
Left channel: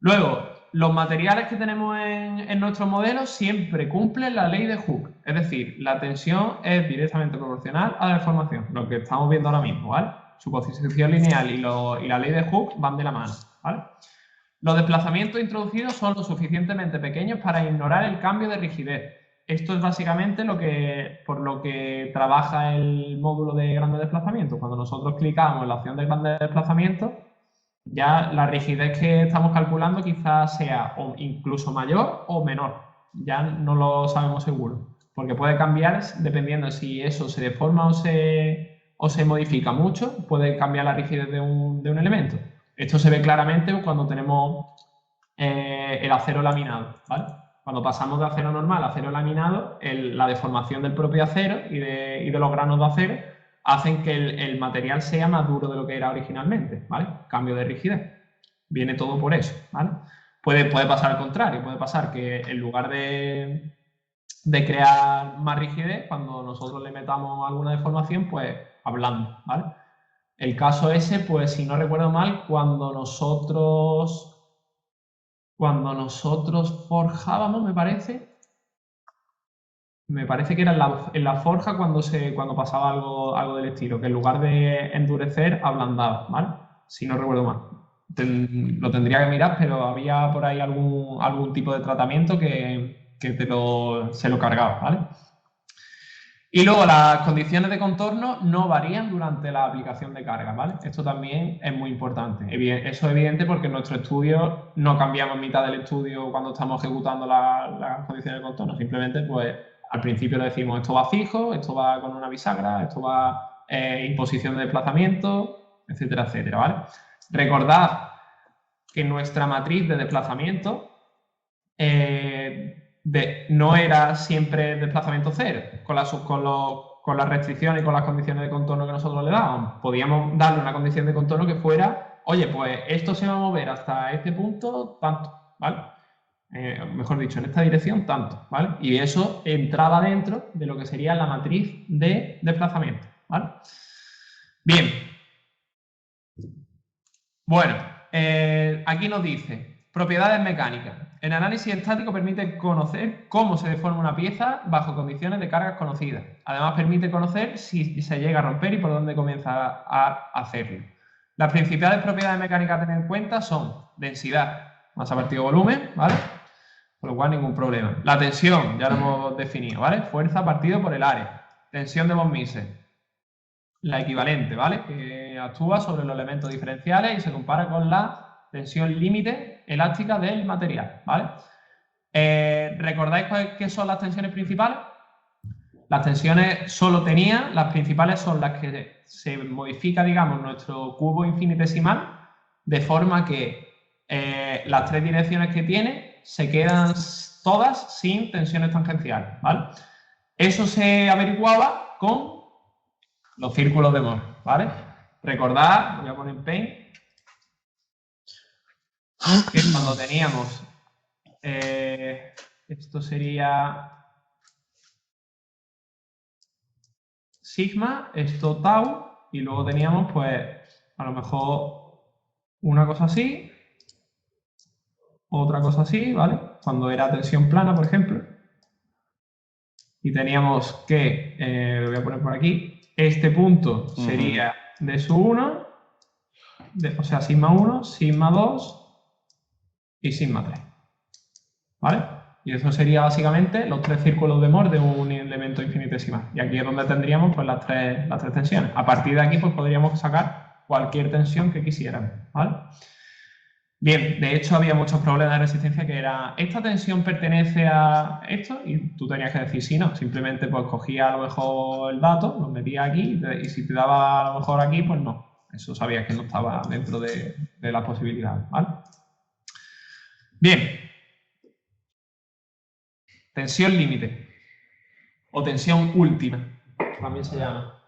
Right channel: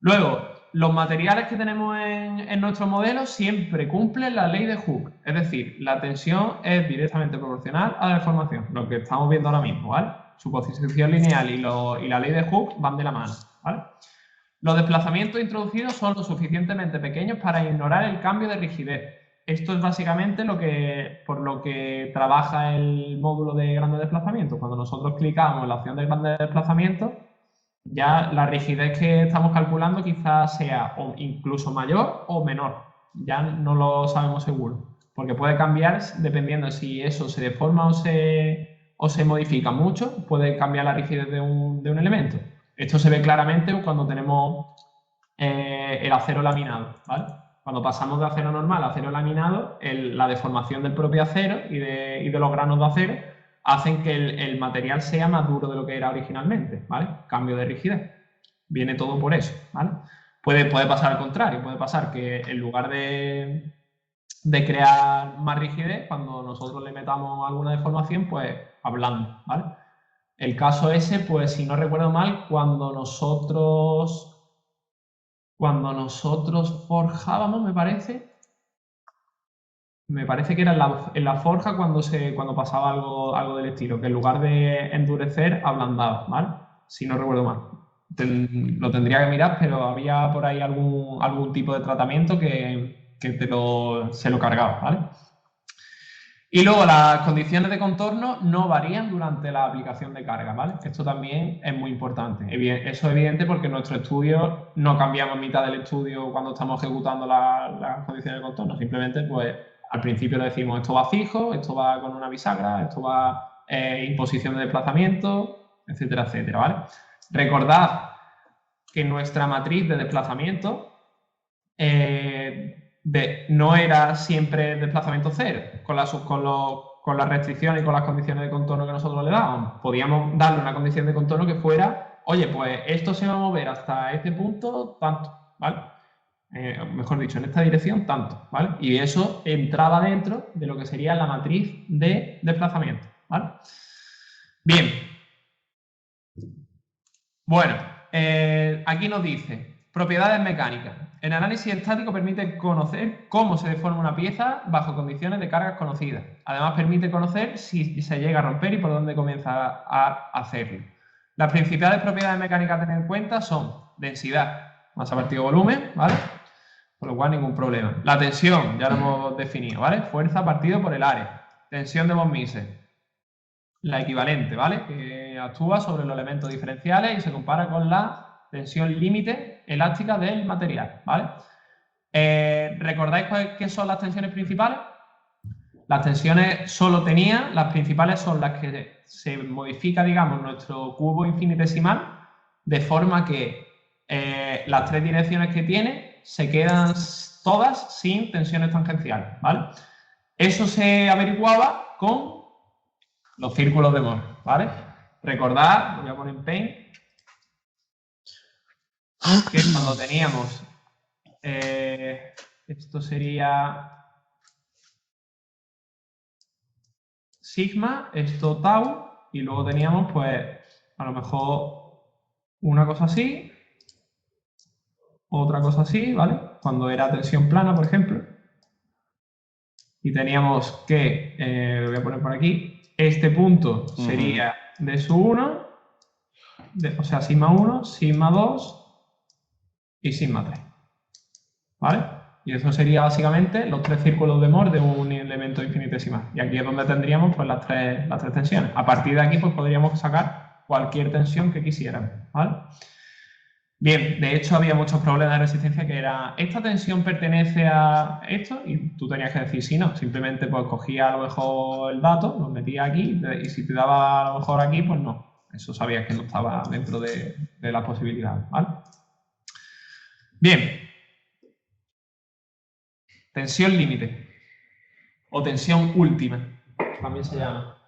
Luego, los materiales que tenemos en nuestro modelo siempre cumplen la ley de Hooke, es decir, la tensión es directamente proporcional a la deformación, lo que estamos viendo ahora mismo, ¿vale? Suposición lineal y la ley de Hooke van de la mano, ¿vale? Los desplazamientos introducidos son lo suficientemente pequeños para ignorar el cambio de rigidez. Esto es básicamente por lo que trabaja el módulo de grandes desplazamientos. Cuando nosotros clicamos en la opción de grandes desplazamientos, ya la rigidez que estamos calculando quizás sea o incluso mayor o menor. Ya no lo sabemos seguro, porque puede cambiar dependiendo si eso se deforma o se modifica mucho, puede cambiar la rigidez de un elemento. Esto se ve claramente cuando tenemos el acero laminado, ¿vale? Cuando pasamos de acero normal a acero laminado, la deformación del propio acero y de los granos de acero hacen que el material sea más duro de lo que era originalmente, ¿vale? Cambio de rigidez. Viene todo por eso, ¿vale? Puede pasar al contrario, puede pasar que en lugar de crear más rigidez, cuando nosotros le metamos alguna deformación, pues hablando, ¿vale? El caso ese, pues si no recuerdo mal, cuando nosotros forjábamos, me parece que era en la forja cuando pasaba algo del estilo, que en lugar de endurecer, ablandaba, ¿vale? Si no recuerdo mal. Lo tendría que mirar, pero había por ahí algún tipo de tratamiento que se lo cargaba, ¿vale? Y luego las condiciones de contorno no varían durante la aplicación de carga, ¿vale? Esto también es muy importante. Eso es evidente porque en nuestro estudio no cambiamos en mitad del estudio cuando estamos ejecutando las condiciones de contorno, simplemente pues al principio le decimos esto va fijo, esto va con una bisagra, esto va en posición de desplazamiento, etcétera, etcétera, ¿vale? Recordad que nuestra matriz de desplazamiento no era siempre desplazamiento cero, con las restricciones y con las condiciones de contorno que nosotros le dábamos. Podíamos darle una condición de contorno que fuera, oye, pues esto se va a mover hasta este punto, tanto, ¿vale? Mejor dicho, en esta dirección, tanto, ¿vale? Y eso entraba dentro de lo que sería la matriz de desplazamiento, ¿vale? Bien. Bueno, aquí nos dice, propiedades mecánicas. El análisis estático permite conocer cómo se deforma una pieza bajo condiciones de cargas conocidas. Además, permite conocer si se llega a romper y por dónde comienza a hacerlo. Las principales propiedades mecánicas a tener en cuenta son densidad, masa partido volumen, ¿vale? Con lo cual, ningún problema. La tensión, ya lo hemos definido, ¿vale? Fuerza partido por el área. Tensión de von Mises. La equivalente, ¿vale? Que actúa sobre los elementos diferenciales y se compara con la tensión límite elástica del material, ¿vale? ¿Recordáis qué son las tensiones principales? Las tensiones las principales son las que se modifica, digamos, nuestro cubo infinitesimal de forma que las tres direcciones que tiene se quedan todas sin tensiones tangenciales, ¿vale? Eso se averiguaba con los círculos de Mohr, ¿vale? Recordad, voy a poner Paint, que cuando teníamos, esto sería sigma, esto tau, y luego teníamos, pues, a lo mejor una cosa así, otra cosa así, ¿vale? Cuando era tensión plana, por ejemplo, y teníamos que, voy a poner por aquí, este punto sería de su 1, o sea, sigma 1, sigma 2 y sigma 3, ¿vale? Y eso sería básicamente los tres círculos de Mohr de un elemento infinitesimal. Y aquí es donde tendríamos pues, las tres tensiones. A partir de aquí pues, podríamos sacar cualquier tensión que quisiéramos, ¿vale? Bien, de hecho había muchos problemas de resistencia que era, ¿esta tensión pertenece a esto? Y tú tenías que decir sí, no. Simplemente pues cogía a lo mejor el dato, lo metía aquí y si te daba a lo mejor aquí, pues no. Eso sabías que no estaba dentro de las posibilidades, ¿vale? Bien. Tensión límite o tensión última, también se llama.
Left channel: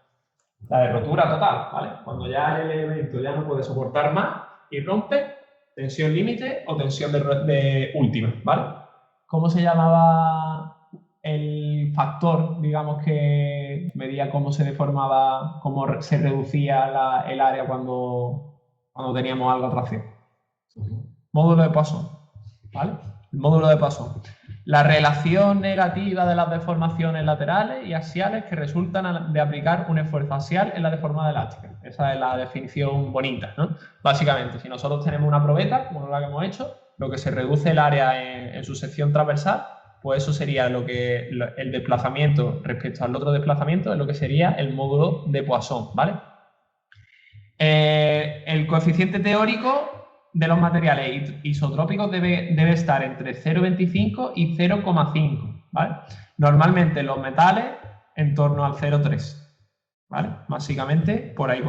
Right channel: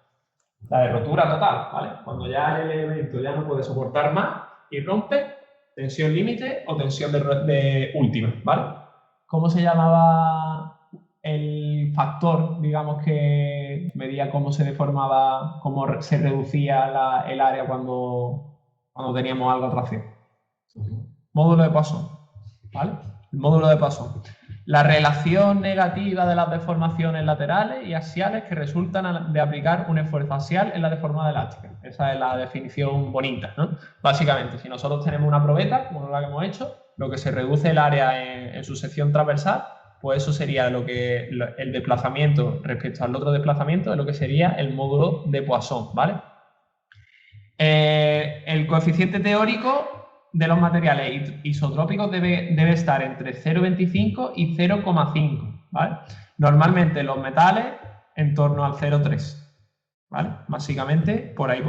La de rotura total, ¿vale? Cuando ya el elemento ya no puede soportar más y rompe, tensión límite o tensión de última, ¿vale? ¿Cómo se llamaba el factor, digamos, que medía cómo se deformaba, cómo se reducía el área cuando teníamos algo en tracción? Módulo de Poisson, ¿vale? El módulo de Poisson. La relación negativa de las deformaciones laterales y axiales que resultan de aplicar un esfuerzo axial en la deformada elástica. Esa es la definición bonita, ¿no? Básicamente, si nosotros tenemos una probeta, como la que hemos hecho, lo que se reduce el área en su sección transversal, pues eso sería el desplazamiento respecto al otro desplazamiento de lo que sería el módulo de Poisson, ¿vale? El coeficiente teórico de los materiales isotrópicos debe estar entre 0,25 y 0,5, ¿vale? Normalmente los metales en torno al 0,3, ¿vale? Básicamente por ahí.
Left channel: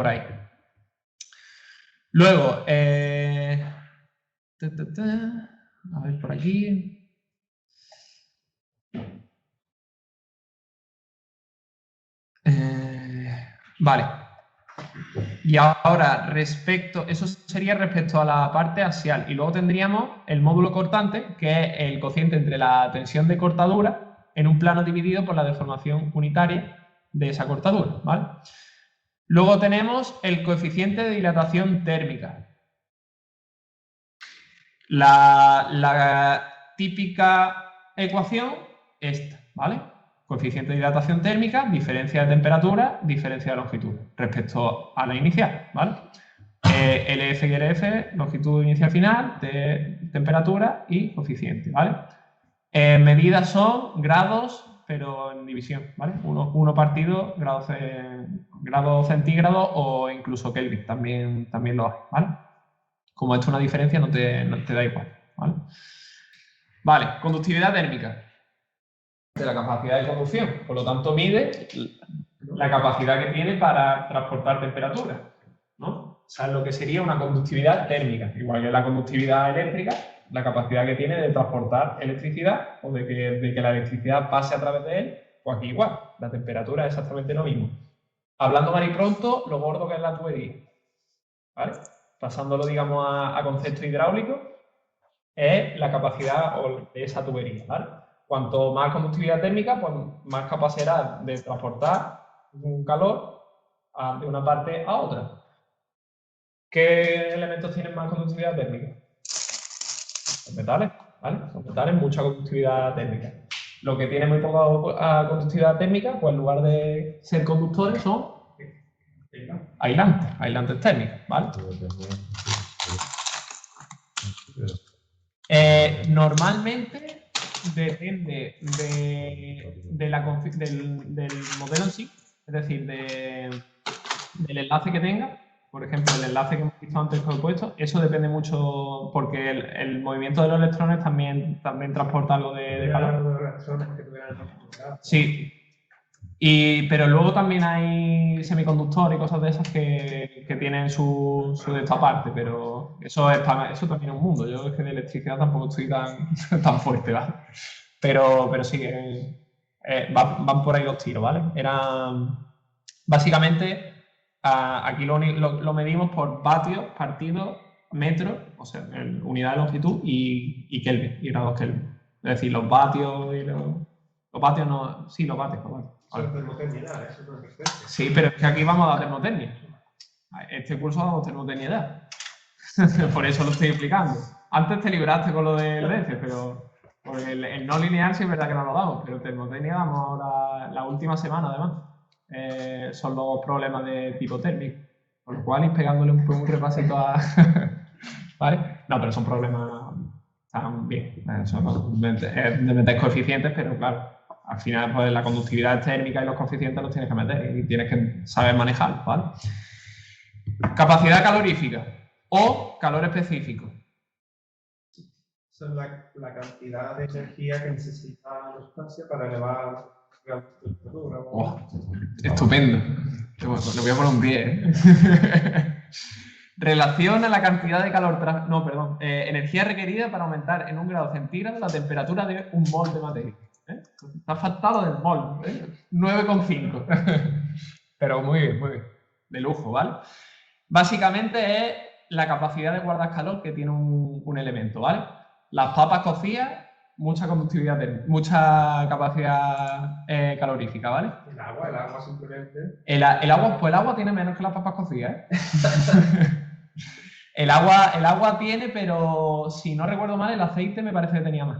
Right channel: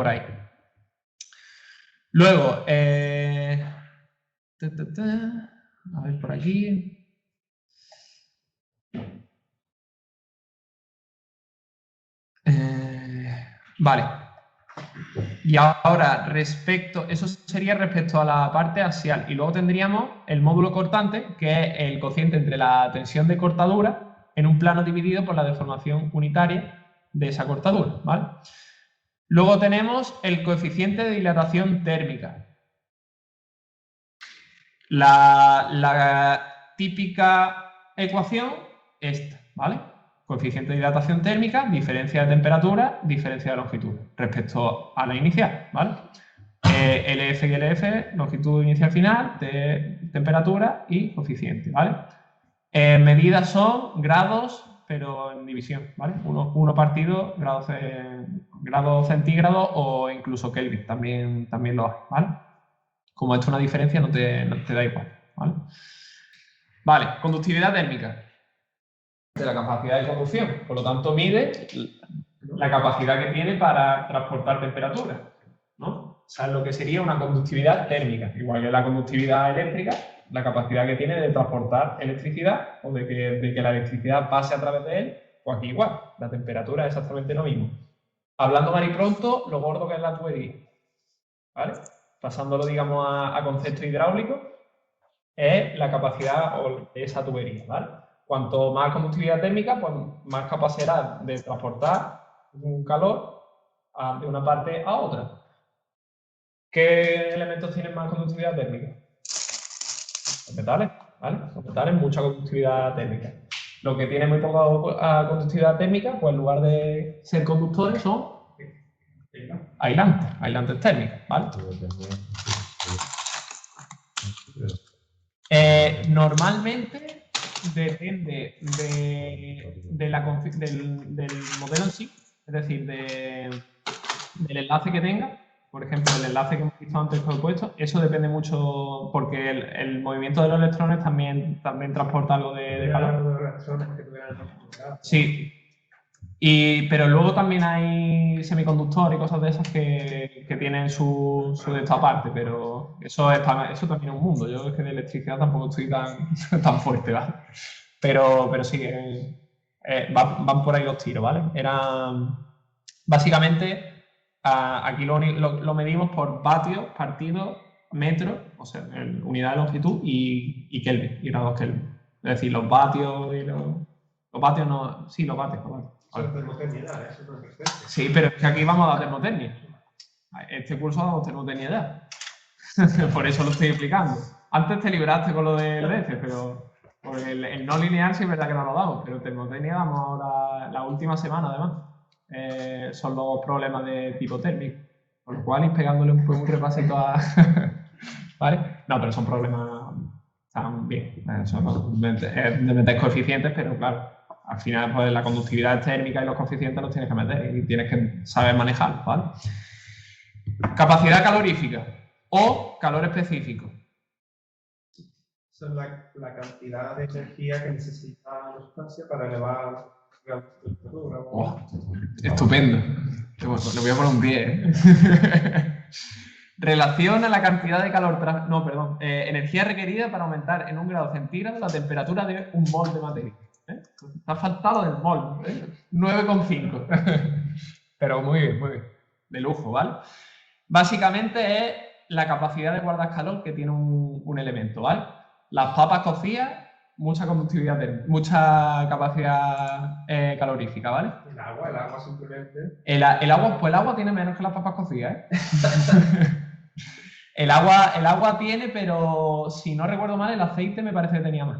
Luego, a ver por aquí. Vale. Y ahora, eso sería respecto a la parte axial. Y luego tendríamos el módulo cortante, que es el cociente entre la tensión de cortadura en un plano dividido por la deformación unitaria de esa cortadura, ¿vale? Luego tenemos el coeficiente de dilatación térmica. La típica ecuación, esta, ¿vale? Coeficiente de dilatación térmica, diferencia de temperatura, diferencia de longitud respecto a la inicial, ¿vale? LF y LF, longitud inicial final, temperatura y coeficiente, ¿vale? Medidas son grados, pero en división, ¿vale? Uno partido, grados centígrados o incluso Kelvin, también lo hace, ¿vale? Como esto es una diferencia, no te da igual, ¿vale? Vale, conductividad térmica de la capacidad de conducción. Por lo tanto, mide la capacidad que tiene para transportar temperatura, ¿no? O sea, lo que sería una conductividad térmica, igual que la conductividad eléctrica, la capacidad que tiene de transportar electricidad o de que la electricidad pase a través de él, pues aquí igual, la temperatura es exactamente lo mismo. Hablando mal y pronto, lo gordo que es la tubería, ¿vale? Pasándolo, digamos, a concepto hidráulico, es la capacidad de esa tubería, ¿vale? Cuanto más conductividad térmica, pues más capacidad de transportar un calor de una parte a otra. ¿Qué elementos tienen más conductividad térmica? Los metales, ¿vale? Los metales, mucha conductividad térmica. Lo que tiene muy poca conductividad térmica, pues en lugar de ser conductores son aislantes térmicos, ¿vale? Normalmente depende del modelo en sí, es decir, del enlace que tenga. Por ejemplo, el enlace que hemos visto antes con el puesto, eso depende mucho porque el movimiento de los electrones también transporta algo de calor. Sí. Pero luego también hay semiconductores y cosas de esas que tienen su de esta parte, pero eso también es un mundo. Yo es que de electricidad tampoco estoy tan fuerte, ¿vale? Pero sí, van por ahí los tiros, ¿vale? Básicamente, aquí lo medimos por vatios partido metro, o sea, unidad de longitud y Kelvin, y grados Kelvin. Es decir, los vatios y los vatios no. Sí, los vatios. Sí, pero es que aquí vamos a la termotecnia. Este curso vamos a termotecnia ya. Por eso lo estoy explicando. Antes te libraste con lo del DC, pero el no lineal sí es verdad que no lo damos, pero termotecnia vamos ahora la última semana además. Son los problemas de tipo térmico. Por lo cual ir pegándole un repasito a... ¿Vale? No, pero son problemas... Están bien. Son de meter coeficientes, pero claro, al final pues la conductividad térmica y los coeficientes los tienes que meter y tienes que saber manejar, ¿vale? Capacidad calorífica o calor específico. Esa es la cantidad de energía que necesita una estancia para elevar la temperatura. Estupendo. Lo voy a poner un 10. Relación a la cantidad de calor, energía requerida para aumentar en 1 grado centígrado la temperatura de 1 mol de materia. Te ha faltado el mol, 9,5. Pero muy bien. De lujo, ¿vale? Básicamente es la capacidad de guardar calor que tiene un elemento, ¿vale? Las papas cocidas, mucha conductividad, mucha capacidad calorífica, ¿vale? El agua simplemente. El agua tiene menos que las papas cocidas, ¿eh? El agua tiene, pero si no recuerdo mal, el aceite me parece que tenía más,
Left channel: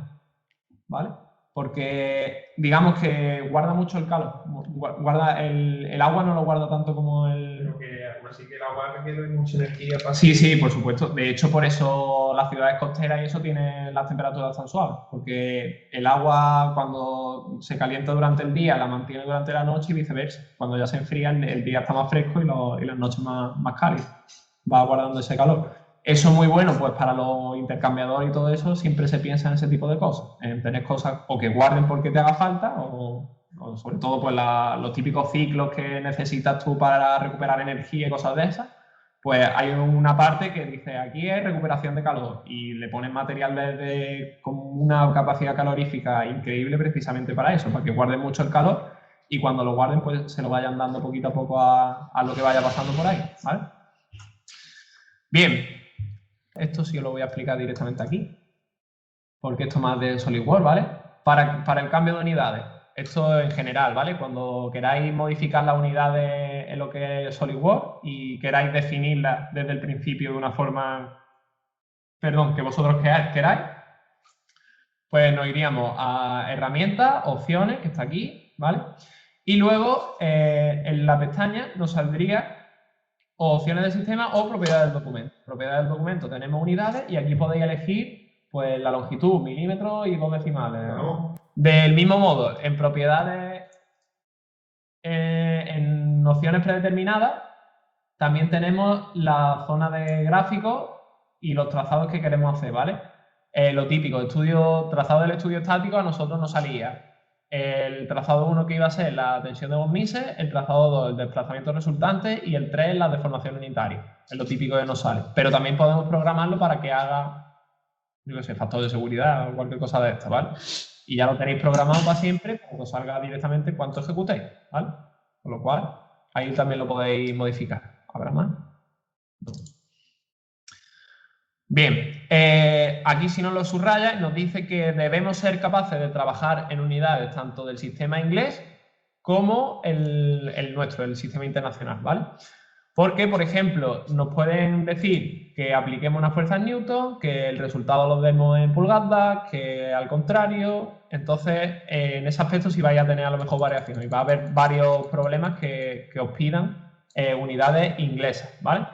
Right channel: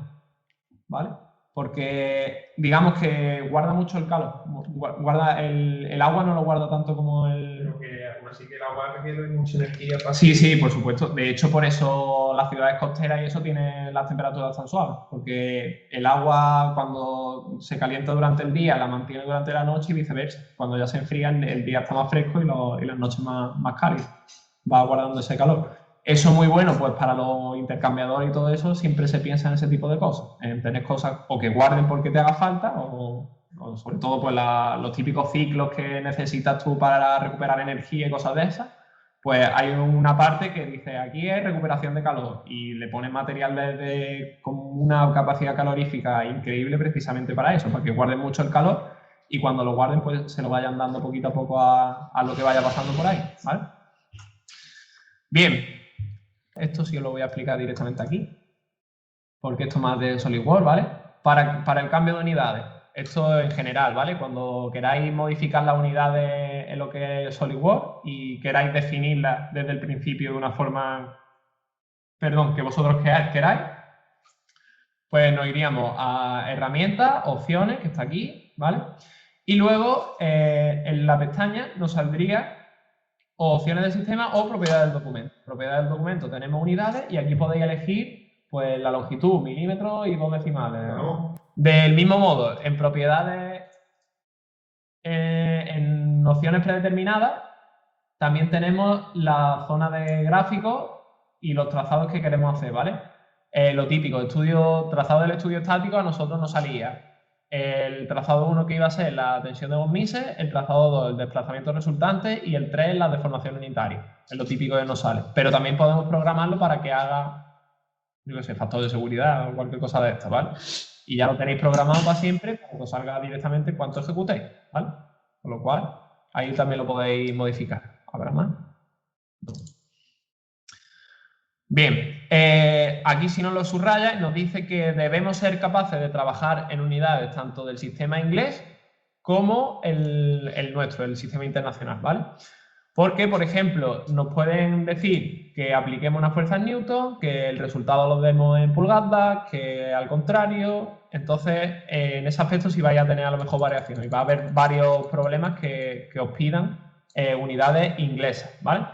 ¿vale? Porque digamos que guarda mucho el calor. El agua no lo guarda tanto como el... Pero que así que el agua requiere mucha energía para... Sí, por supuesto. De hecho, por eso las ciudades costeras y eso tienen las temperaturas tan suaves. Porque el agua, cuando se calienta durante el día, la mantiene durante la noche y viceversa. Cuando ya se enfría, el día está más fresco y las noches más cálidas. Va guardando ese calor. Eso es muy bueno, pues para los intercambiadores y todo eso, siempre se piensa en ese tipo de cosas. En tener cosas o que guarden porque te haga falta, o sobre todo pues los típicos ciclos que necesitas tú para recuperar energía y cosas de esas. Pues hay una parte que dice, aquí es recuperación de calor, y le pones material con una capacidad calorífica increíble precisamente para eso, porque guarde mucho el calor y cuando lo guarden, pues se lo vayan dando poquito a poco a lo que vaya pasando por ahí, ¿vale? Bien, esto sí lo voy a explicar directamente aquí, porque esto más de SolidWorks, ¿vale? Para el cambio de unidades, esto en general, ¿vale? Cuando queráis modificar las unidades en lo que es SolidWorks y queráis definirlas desde el principio de una forma, perdón, que vosotros queráis, pues nos iríamos a herramientas, opciones, que está aquí, ¿vale? Y luego en la pestaña nos saldría opciones del sistema o propiedades del documento. Propiedades del documento tenemos unidades y aquí podéis elegir pues la longitud, milímetros y 2 decimales. Del mismo modo, en propiedades, en opciones predeterminadas, también tenemos la zona de gráficos y los trazados que queremos hacer, ¿vale? Lo típico, trazado del estudio estático a nosotros nos salía el trazado 1 que iba a ser la tensión de Von Mises, el trazado 2 el desplazamiento resultante y el 3 la deformación unitaria. Es lo típico que nos sale. Pero también podemos programarlo para que haga, yo qué sé, factor de seguridad o cualquier cosa de esta, ¿vale? Y ya lo tenéis programado para siempre, para que os salga directamente cuánto ejecutéis, ¿vale? Con lo cual, ahí también lo podéis modificar. ¿Habrá más? No. Bien, aquí si nos lo subraya nos dice que debemos ser capaces de trabajar en unidades tanto del sistema inglés como el nuestro, el sistema internacional, ¿vale? Porque, por ejemplo, nos pueden decir que apliquemos una fuerza en Newton, que el resultado lo demos en pulgadas, que al contrario. Entonces, en ese aspecto sí vais a tener a lo mejor variaciones y va a haber varios problemas que os pidan unidades inglesas, ¿vale?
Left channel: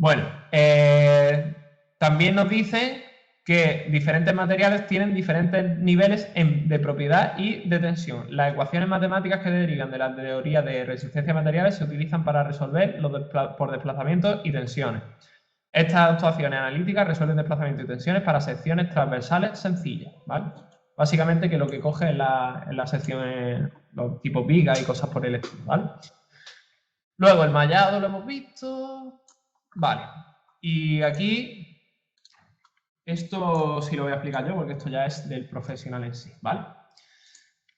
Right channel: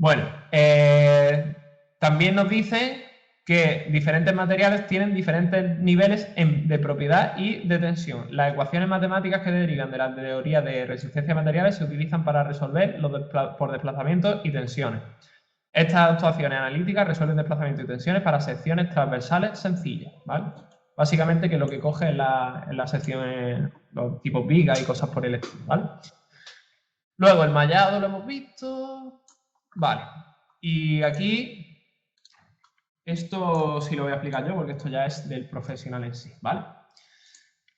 Bueno, también nos dice que diferentes materiales tienen diferentes niveles de propiedad y de tensión. Las ecuaciones matemáticas que derivan de la teoría de resistencia de materiales se utilizan para resolver por desplazamientos y tensiones. Estas actuaciones analíticas resuelven desplazamientos y tensiones para secciones transversales sencillas, ¿vale? Básicamente que lo que coge en las secciones, los tipos vigas y cosas por el estilo, ¿vale? Luego el mallado lo hemos visto. Vale, y aquí, esto sí lo voy a explicar yo porque esto ya es del profesional en sí, ¿vale?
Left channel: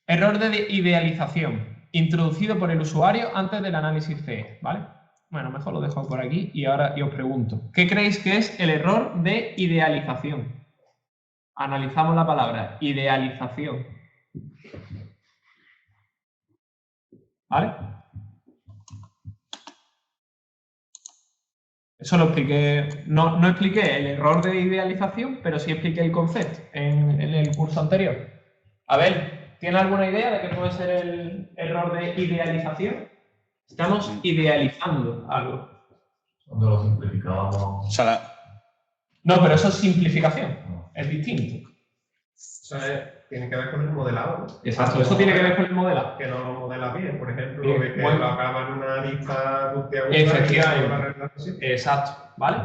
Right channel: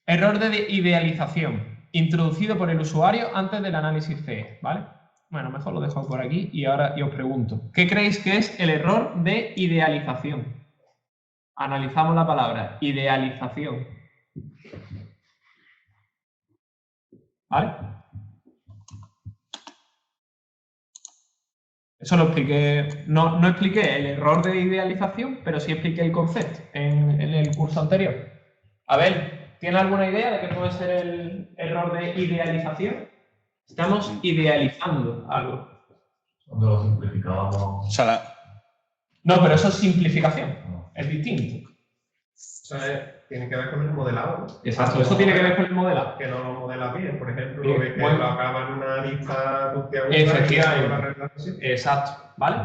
Error de idealización, introducido por el usuario antes del análisis FE, ¿vale? Bueno, mejor lo dejo por aquí y ahora os pregunto, ¿qué creéis que es el error de idealización? Analizamos la palabra, idealización. ¿Vale? Eso lo expliqué, no expliqué el error de idealización, pero sí expliqué el concepto en el curso anterior. A ver, ¿tiene alguna idea de qué puede ser el error de idealización? Estamos idealizando algo. Cuando lo simplificamos. O sea, no, pero eso es simplificación, es distinto. Tiene que ver con el modelado. Exacto, eso tiene que ver con el modelado. Que no lo modela bien, por ejemplo, Bien, que bueno. lo acaba en una lista Efectivamente. Exacto, ¿vale?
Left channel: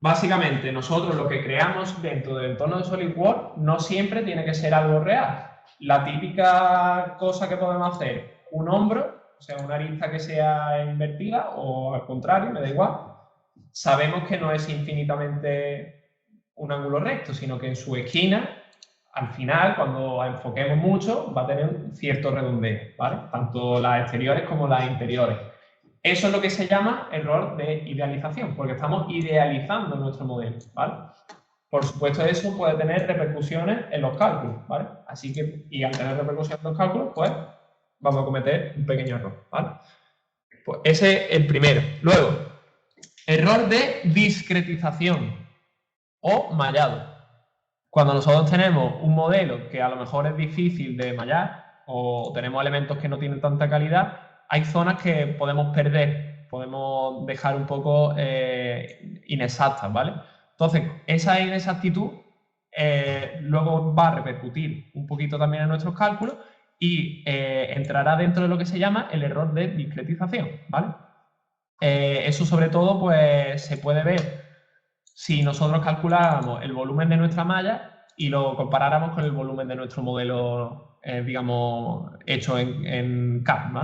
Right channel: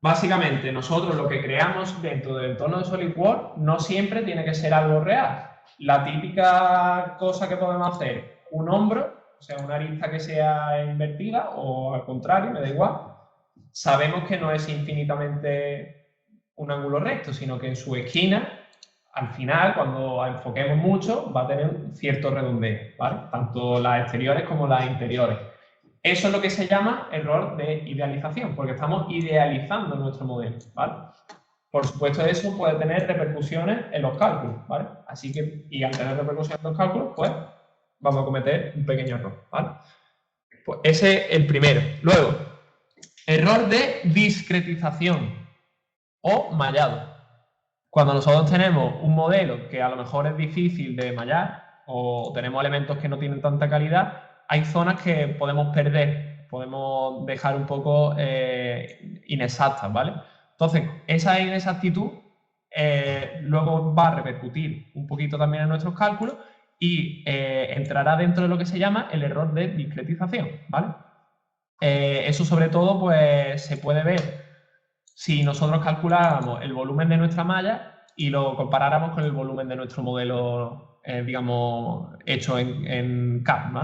Básicamente, nosotros lo que creamos dentro del entorno de SolidWorks no siempre tiene que ser algo real. La típica cosa que podemos hacer, un hombro, o sea, una arista que sea invertida o al contrario, me da igual, sabemos que no es infinitamente un ángulo recto, sino que en su esquina, al final, cuando enfoquemos mucho, va a tener cierto redondeo, ¿vale? Tanto las exteriores como las interiores. Eso es lo que se llama error de idealización, porque estamos idealizando nuestro modelo, ¿vale? Por supuesto, eso puede tener repercusiones en los cálculos, ¿vale? Así que, y al tener repercusiones en los cálculos, pues vamos a cometer un pequeño error, ¿vale? Pues ese es el primero. Luego, error de discretización o mallado. Cuando nosotros tenemos un modelo que a lo mejor es difícil de mallar o tenemos elementos que no tienen tanta calidad, hay zonas que podemos perder, podemos dejar un poco inexactas, ¿vale? Entonces, esa inexactitud luego va a repercutir un poquito también en nuestros cálculos y entrará dentro de lo que se llama el error de discretización, ¿vale? Eso sobre todo pues, se puede ver si nosotros calculáramos el volumen de nuestra malla y lo comparáramos con el volumen de nuestro modelo, digamos, hecho en CAD, ¿no?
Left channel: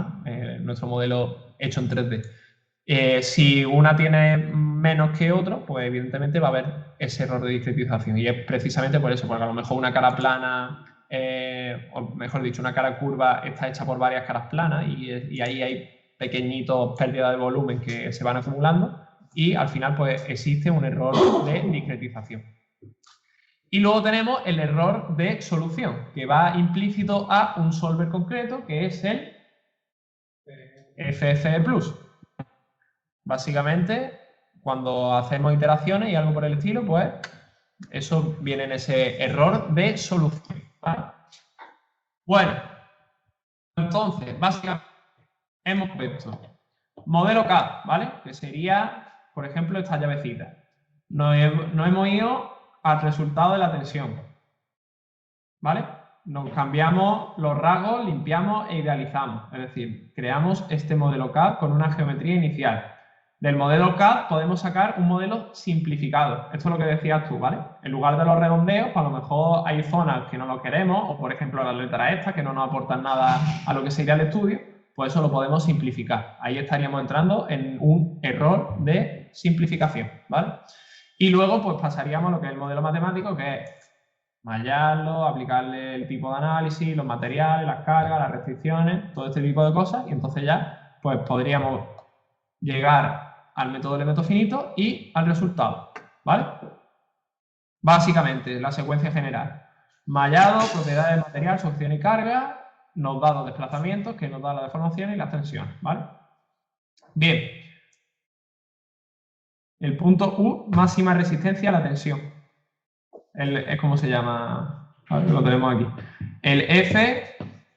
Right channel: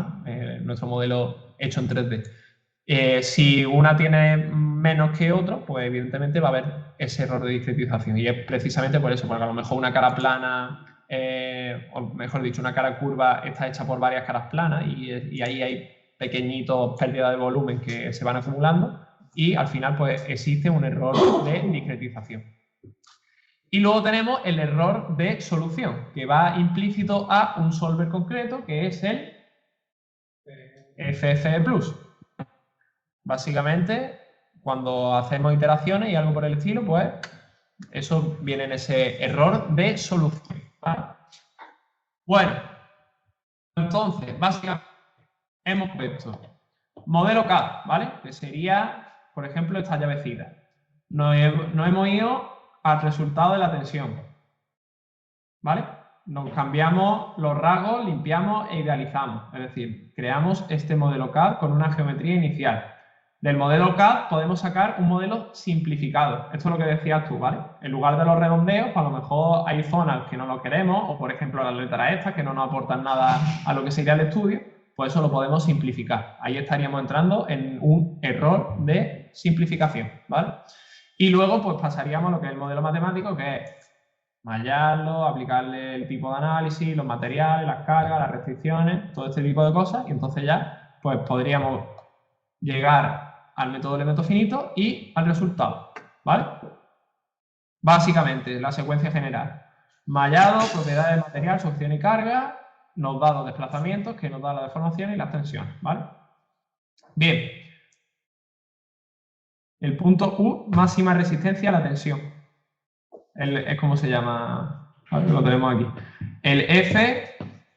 Nuestro modelo hecho en 3D. Si una tiene menos que otro, pues evidentemente va a haber ese error de discretización. Y es precisamente por eso, porque a lo mejor una cara plana o mejor dicho, una cara curva está hecha por varias caras planas y ahí hay pequeñitos pérdidas de volumen que se van acumulando y al final pues existe un error de discretización. Y luego tenemos el error de solución, que va implícito a un solver concreto, que es el FFE+. Básicamente, cuando hacemos iteraciones y algo por el estilo, pues eso viene en ese error de solución. Bueno, entonces, básicamente hemos puesto modelo K, ¿vale? Que sería, por ejemplo, esta llavecita. Nos hemos ido al resultado de la tensión, ¿vale? Nos cambiamos los rasgos, limpiamos e idealizamos. Es decir, creamos este modelo K con una geometría inicial. Del modelo K podemos sacar un modelo simplificado. Esto es lo que decías tú, ¿vale? En lugar de los redondeos, pues a lo mejor hay zonas que no nos queremos, o por ejemplo las letras estas que no nos aportan nada a lo que sería el estudio, pues eso lo podemos simplificar. Ahí estaríamos entrando en un error de simplificación, ¿vale? Y luego pues pasaríamos a lo que es el modelo matemático, que es mallarlo, aplicarle el tipo de análisis, los materiales, las cargas, las restricciones, todo este tipo de cosas, y entonces ya pues podríamos llegar al método de elemento finito y al resultado, ¿vale? Básicamente, la secuencia general. Mallado, propiedades del material, succión y carga, nos da los desplazamientos, que nos da la deformación y las tensiones, ¿vale? Bien. El punto Q, máxima resistencia a la tensión. Es como se llama, lo tenemos aquí. El F,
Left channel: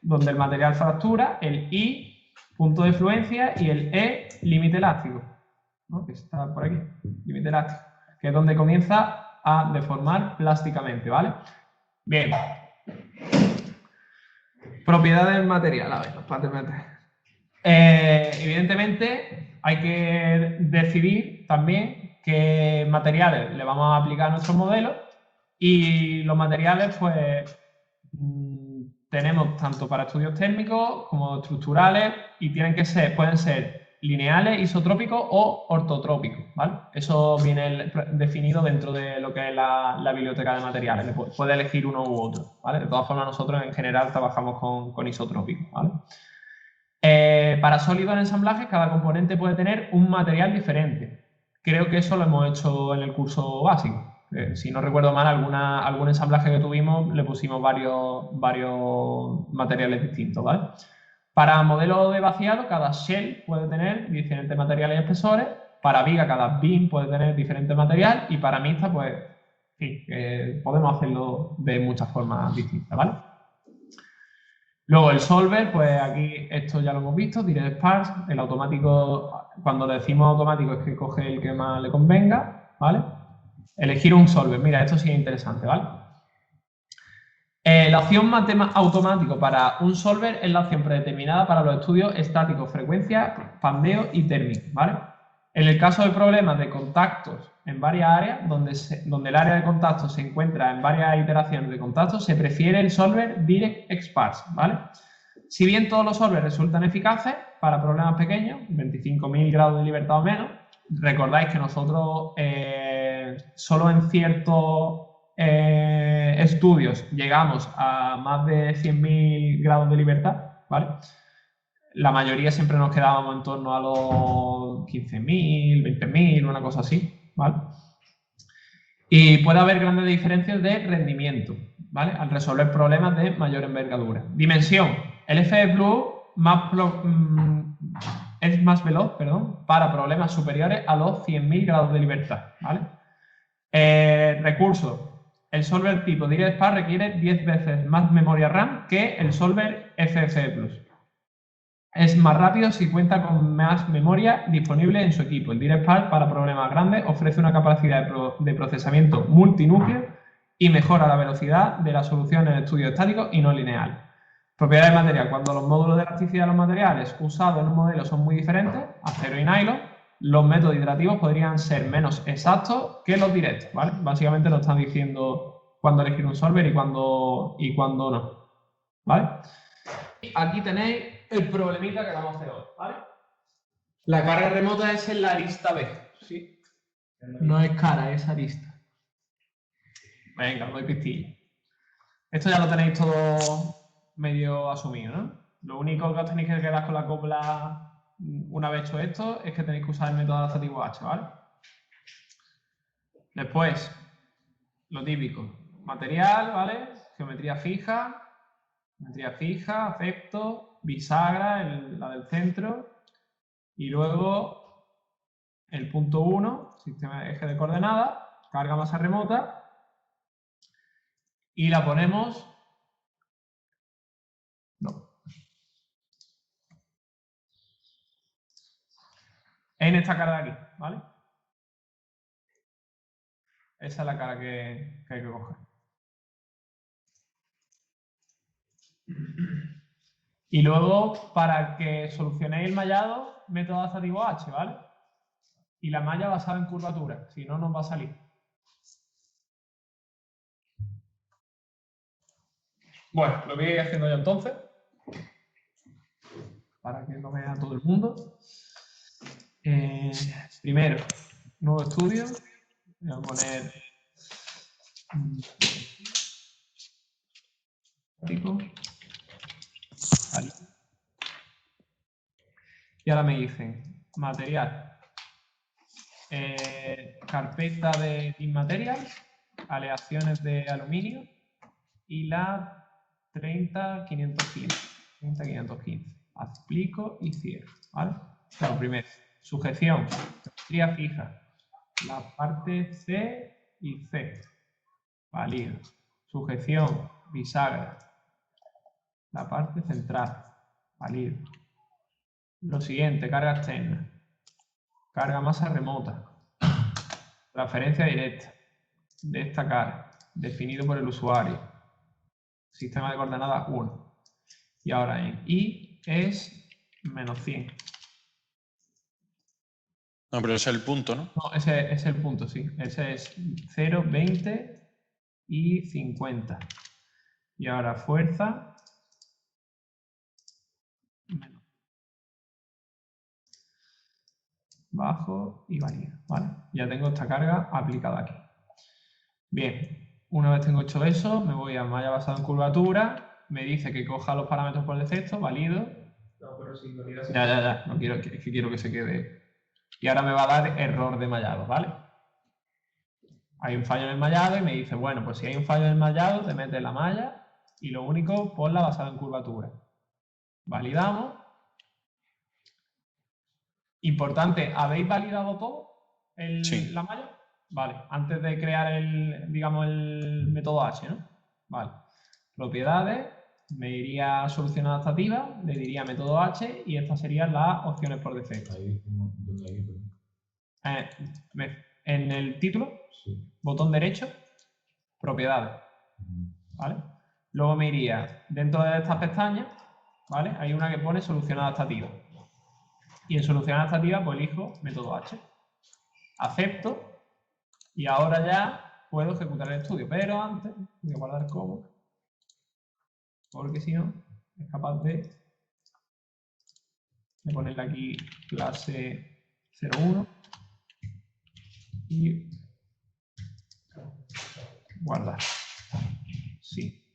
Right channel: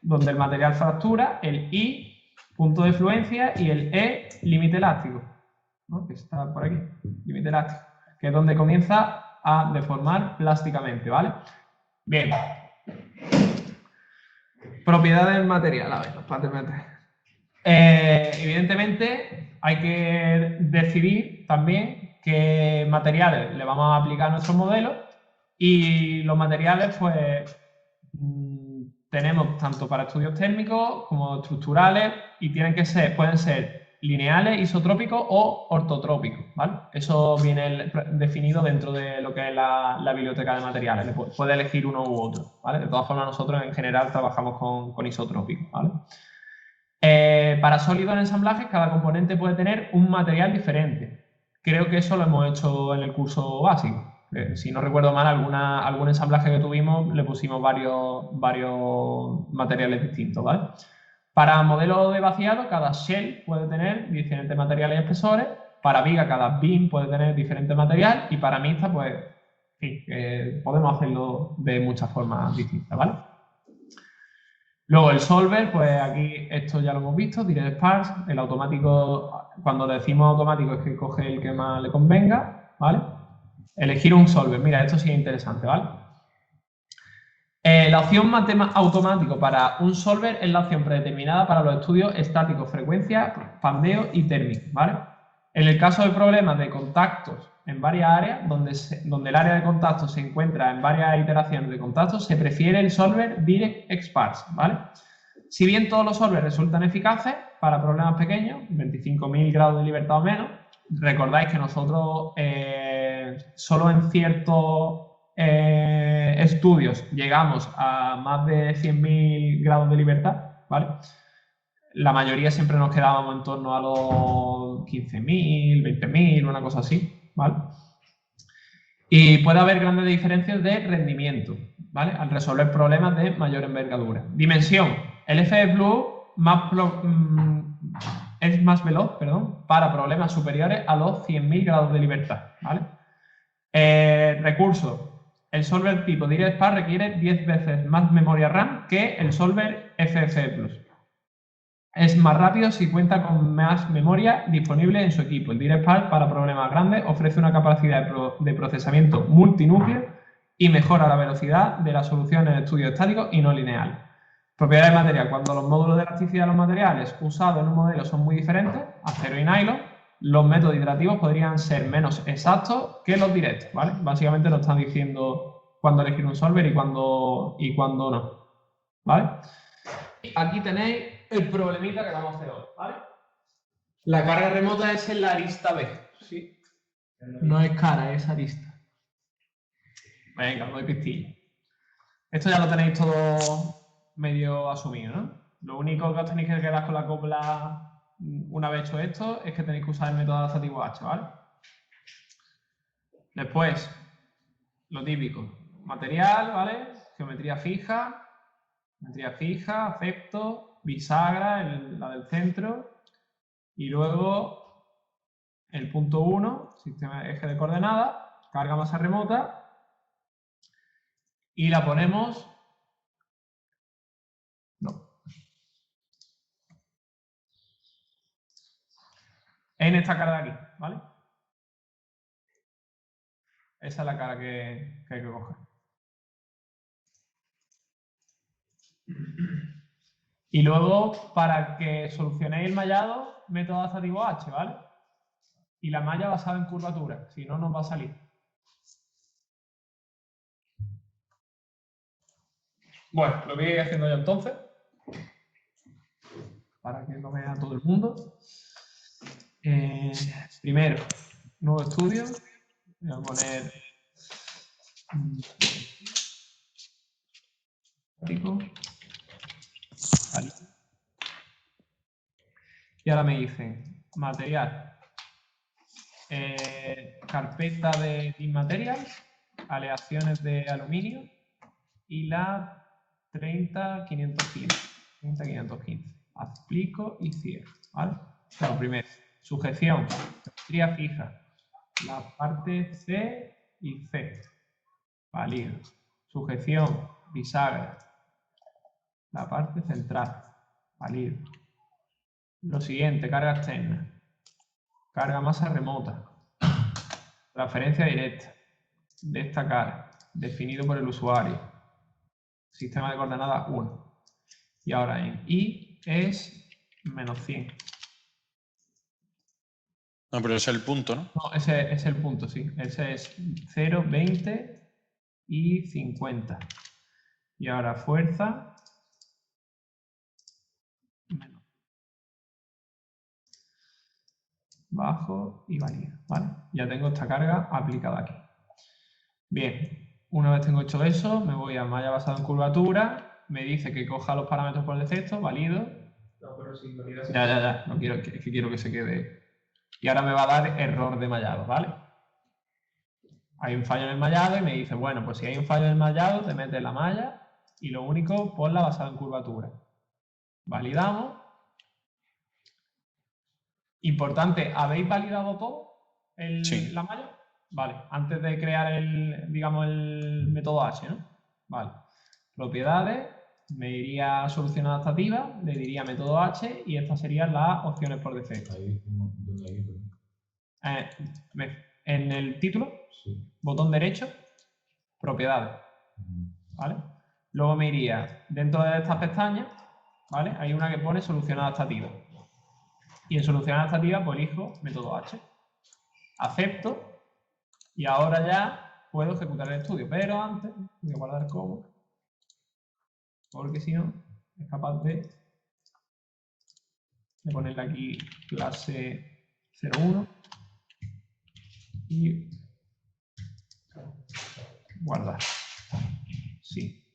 donde el material fractura, el I, punto de fluencia, y el E, límite elástico, ¿no? Que está por aquí, límite elástico, que es donde comienza a deformar plásticamente, ¿vale? Bien. Propiedades del material, a ver, evidentemente hay que decidir también qué materiales le vamos a aplicar a nuestro modelo y los materiales pues tenemos tanto para estudios técnicos como estructurales y pueden ser lineales, isotrópicos o ortotrópicos, ¿vale? Eso viene definido dentro de lo que es la biblioteca de materiales. Puede elegir uno u otro, ¿vale? De todas formas, nosotros en general trabajamos con isotrópicos, ¿vale? Para sólidos en ensamblaje, cada componente puede tener un material diferente. Creo que eso lo hemos hecho en el curso básico. Si no recuerdo mal, algún ensamblaje que tuvimos le pusimos varios materiales distintos, ¿vale? Para modelos de vaciado, cada shell puede tener diferentes materiales y espesores. Para viga, cada pin puede tener diferentes materiales. Y para mixta, pues, sí, podemos hacerlo de muchas formas distintas, ¿vale? Luego el solver, pues aquí esto ya lo hemos visto, direct sparse, el automático, cuando decimos automático es que coge el que más le convenga, ¿vale? Elegir un solver, mira, esto sí es interesante, ¿vale? La opción automático para un solver es la opción predeterminada para los estudios estáticos, frecuencia, pandeo y térmico, ¿vale? En el caso de problemas de contactos en varias áreas, donde el área de contacto se encuentra en varias iteraciones de contacto, se prefiere el solver direct sparse, ¿vale? Si bien todos los solvers resultan eficaces para problemas pequeños, 25.000 grados de libertad o menos, recordáis que nosotros solo en ciertos estudios llegamos a más de 100.000 grados de libertad, ¿vale? La mayoría siempre nos quedábamos en torno a los 15.000, 20.000, una cosa así, ¿vale? Y puede haber grandes diferencias de rendimiento, ¿vale? Al resolver problemas de mayor envergadura. Dimensión. El FE Pro es más veloz, para problemas superiores a los 100.000 grados de libertad, ¿vale? Recursos. El solver tipo Direct Sparse requiere 10 veces más memoria RAM que el solver FFE Plus. Es más rápido si cuenta con más memoria disponible en su equipo. El Direct Sparse para problemas grandes ofrece una capacidad de procesamiento multinúcleo y mejora la velocidad de las soluciones de estudio estático y no lineal. Propiedades del material. Cuando los módulos de elasticidad de los materiales usados en un modelo son muy diferentes, acero y nylon, los métodos iterativos podrían ser menos exactos que los directos, ¿vale? Básicamente nos están diciendo cuándo elegir un solver y cuándo no, ¿vale? Aquí tenéis el problemita que vamos a hacer hoy, ¿vale? La carga remota es en la arista B, ¿sí? No es cara, es arista. Venga, voy pistillo. Esto ya lo tenéis todo medio asumido, ¿no? Lo único que os tenéis que quedar con la copla una vez hecho esto es que tenéis que usar el método adaptativo H, ¿vale? Después, lo típico, material, ¿vale? Geometría fija, acepto, bisagra, la del centro, y luego el punto 1, sistema de eje de coordenadas, carga masa remota, y la ponemos... No. En esta cara de aquí, ¿vale? Esa es la cara que hay que coger. Y luego, para que solucionéis el mallado, método adaptativo H, ¿vale? Y la malla basada en curvatura, si no, no va a salir. Bueno, lo voy a ir haciendo yo entonces, para que lo vea todo el mundo. Primero, nuevo estudio. Voy a poner... Vale. Y ahora me dicen, material. Carpeta de Team Materials, aleaciones de aluminio y la 30515. 30515. Aplico y cierro, ¿vale? Claro, primero, sujeción, tría fija, la parte C y C, válido. Sujeción, bisagra, la parte central, válido. Lo siguiente, carga externa, carga masa remota, transferencia directa de esta cara, definido por el usuario, sistema de coordenadas 1. Y ahora en I es menos 100. No, pero ese es el punto, ¿no? No, ese es el punto, sí. Ese es 0, 20 y 50. Y ahora fuerza. Menos. Bajo y varía. Vale, ya tengo esta carga aplicada aquí. Bien, una vez tengo hecho eso, me voy a malla basada en curvatura. Me dice que coja los parámetros por defecto, valido. No, pero si lo quieres Ya. No quiero que quiero que se quede. Y ahora me va a dar error de mallado, ¿vale? Hay un fallo en el mallado y me dice, bueno, pues si hay un fallo en el mallado, te metes la malla y lo único, ponla basada en curvatura. Validamos. Importante, ¿habéis validado todo Sí. la malla? Vale, antes de crear el método H, ¿no? Vale. Propiedades, me iría a solución adaptativa, le diría método H y estas serían las opciones por defecto. En el título, botón derecho, propiedades, ¿vale? Luego me iría dentro de estas pestañas, ¿vale? Hay una que pone solución adaptativa. Y en solución adaptativa, pues elijo método H. Acepto y ahora ya puedo ejecutar el estudio, pero antes voy a guardar como, porque si no, es capaz de ponerle aquí clase 01 y guardar. Sí.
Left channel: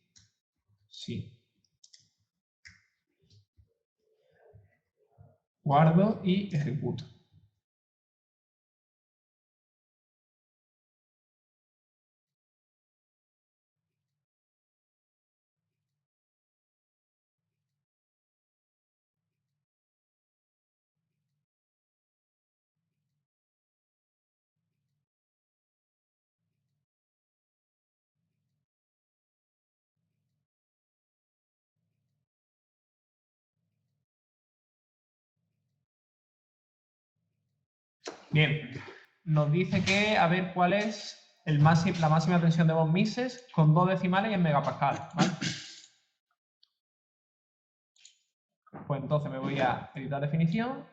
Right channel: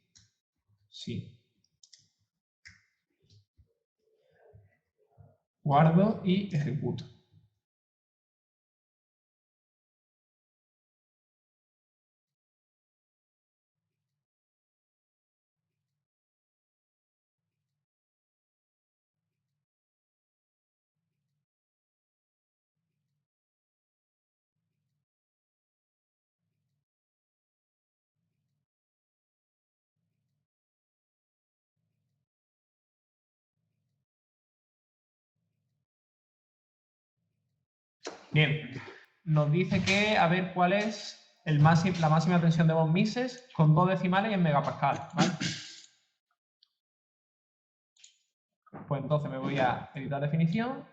Guardo y ejecuto. Bien, nos dice que a ver cuál es la máxima tensión de von Mises con 2 decimales y en megapascal, ¿vale? Pues entonces me voy a editar definición.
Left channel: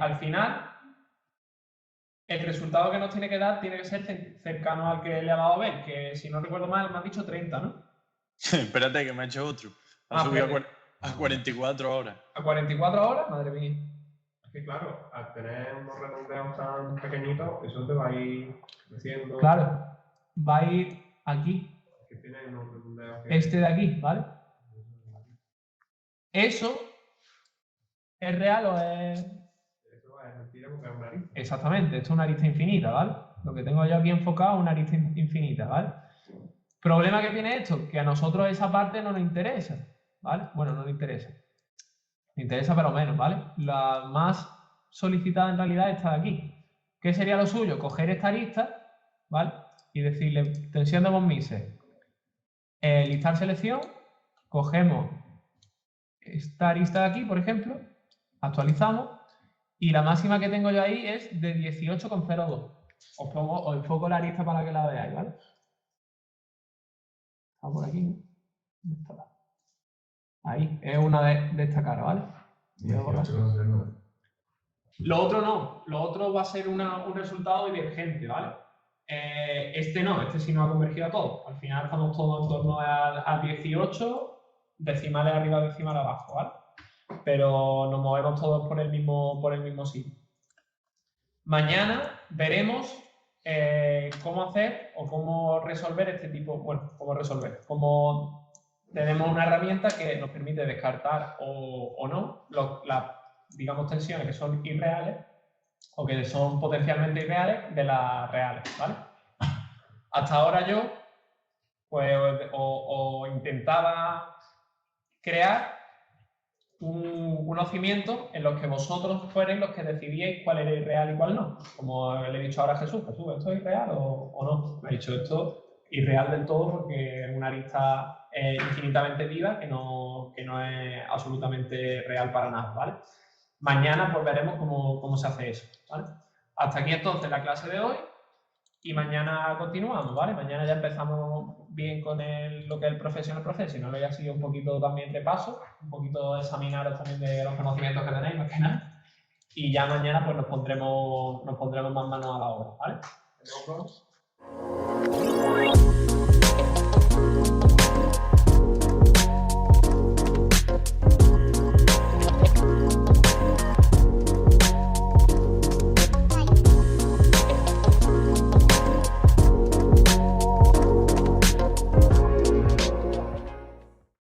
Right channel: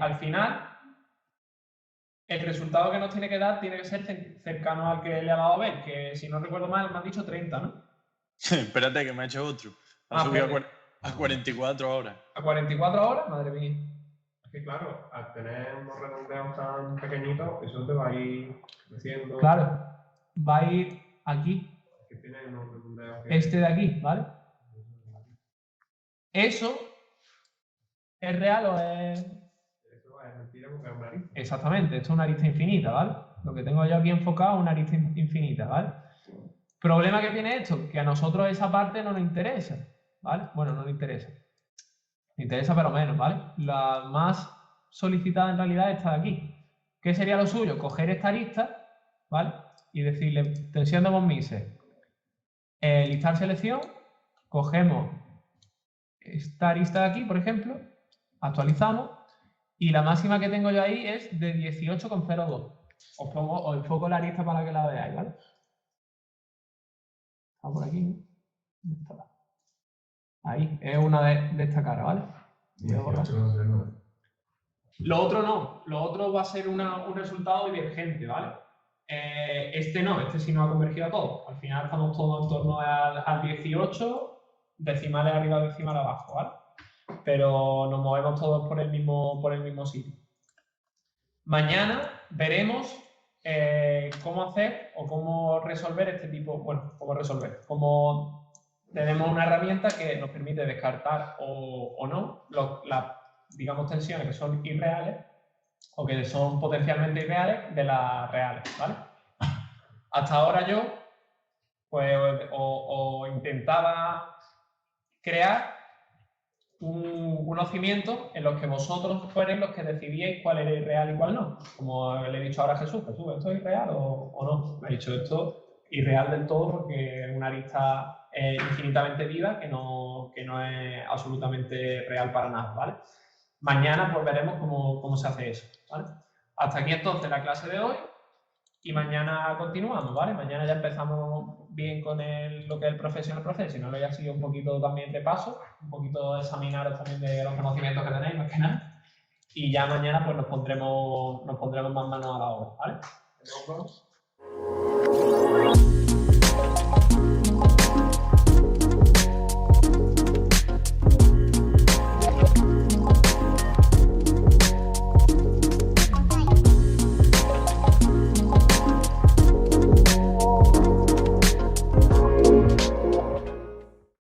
Al final, el resultado que nos tiene que dar tiene que ser cercano al que le he dado a ver, que si no recuerdo mal me has dicho 30, ¿no? Espérate que me he hecho otro. Ah, A 44 horas. ¿A 44 horas? Madre mía. que claro, al tener unos redondeados tan pequeñitos, eso te va a ir creciendo. Claro, va a ir aquí, Que tiene unos redondeados. este de aquí, ¿vale? ¿Eso es real o es...? Eso es mentira porque es una arista. Exactamente, esto es una arista infinita, ¿vale? Lo que tengo yo aquí enfocado es una arista infinita, ¿vale? ¿Problema que tiene esto? Que a nosotros esa parte no nos interesa, ¿vale? Bueno, no nos interesa. Me interesa pero menos, ¿vale? La más solicitada en realidad está aquí. ¿Qué sería lo suyo? Coger esta arista, ¿vale? Y decirle, tensión de von Mises. Listar selección, cogemos esta arista de aquí, por ejemplo, actualizamos, y la máxima que tengo yo ahí es de 18,02. Os enfoco la lista para que la veáis, ¿vale? Está por aquí, ¿no? ¿Dónde está? Ahí, es una de esta cara, ¿vale? Lo otro no, lo otro va a ser un resultado divergente, ¿vale? Este no, este sí nos ha convergido a todo. Al final estamos todos en torno al 18, decimales arriba, decimales abajo, ¿vale? Pero nos movemos todos por el mismo sitio. Mañana veremos cómo hacer o cómo resolver este tipo, bueno, cómo tenemos una herramienta que nos permite descartar o no las, digamos, tensiones que son irreales o que son potencialmente irreales de las reales, ¿vale? Hasta ahora yo, pues, o intentaba crear unos cimientos en los que vosotros fuerais los que decidíais cuál era irreal y cuál no. Como le he dicho ahora a Jesús, Jesús, ¿esto es irreal o no? Me ha dicho esto irreal del todo porque es una arista infinitamente viva que no es absolutamente real para nada, ¿vale? Mañana pues veremos cómo se hace eso, ¿vale? Hasta aquí entonces la clase de hoy y mañana continuamos, ¿vale? Mañana ya empezamos bien con lo que es el profesional, ya ha sido un poquito también de paso, un poquito de examinaros también de los conocimientos que tenéis al final y ya mañana pues nos pondremos más manos a la obra, ¿vale? Nos vemos.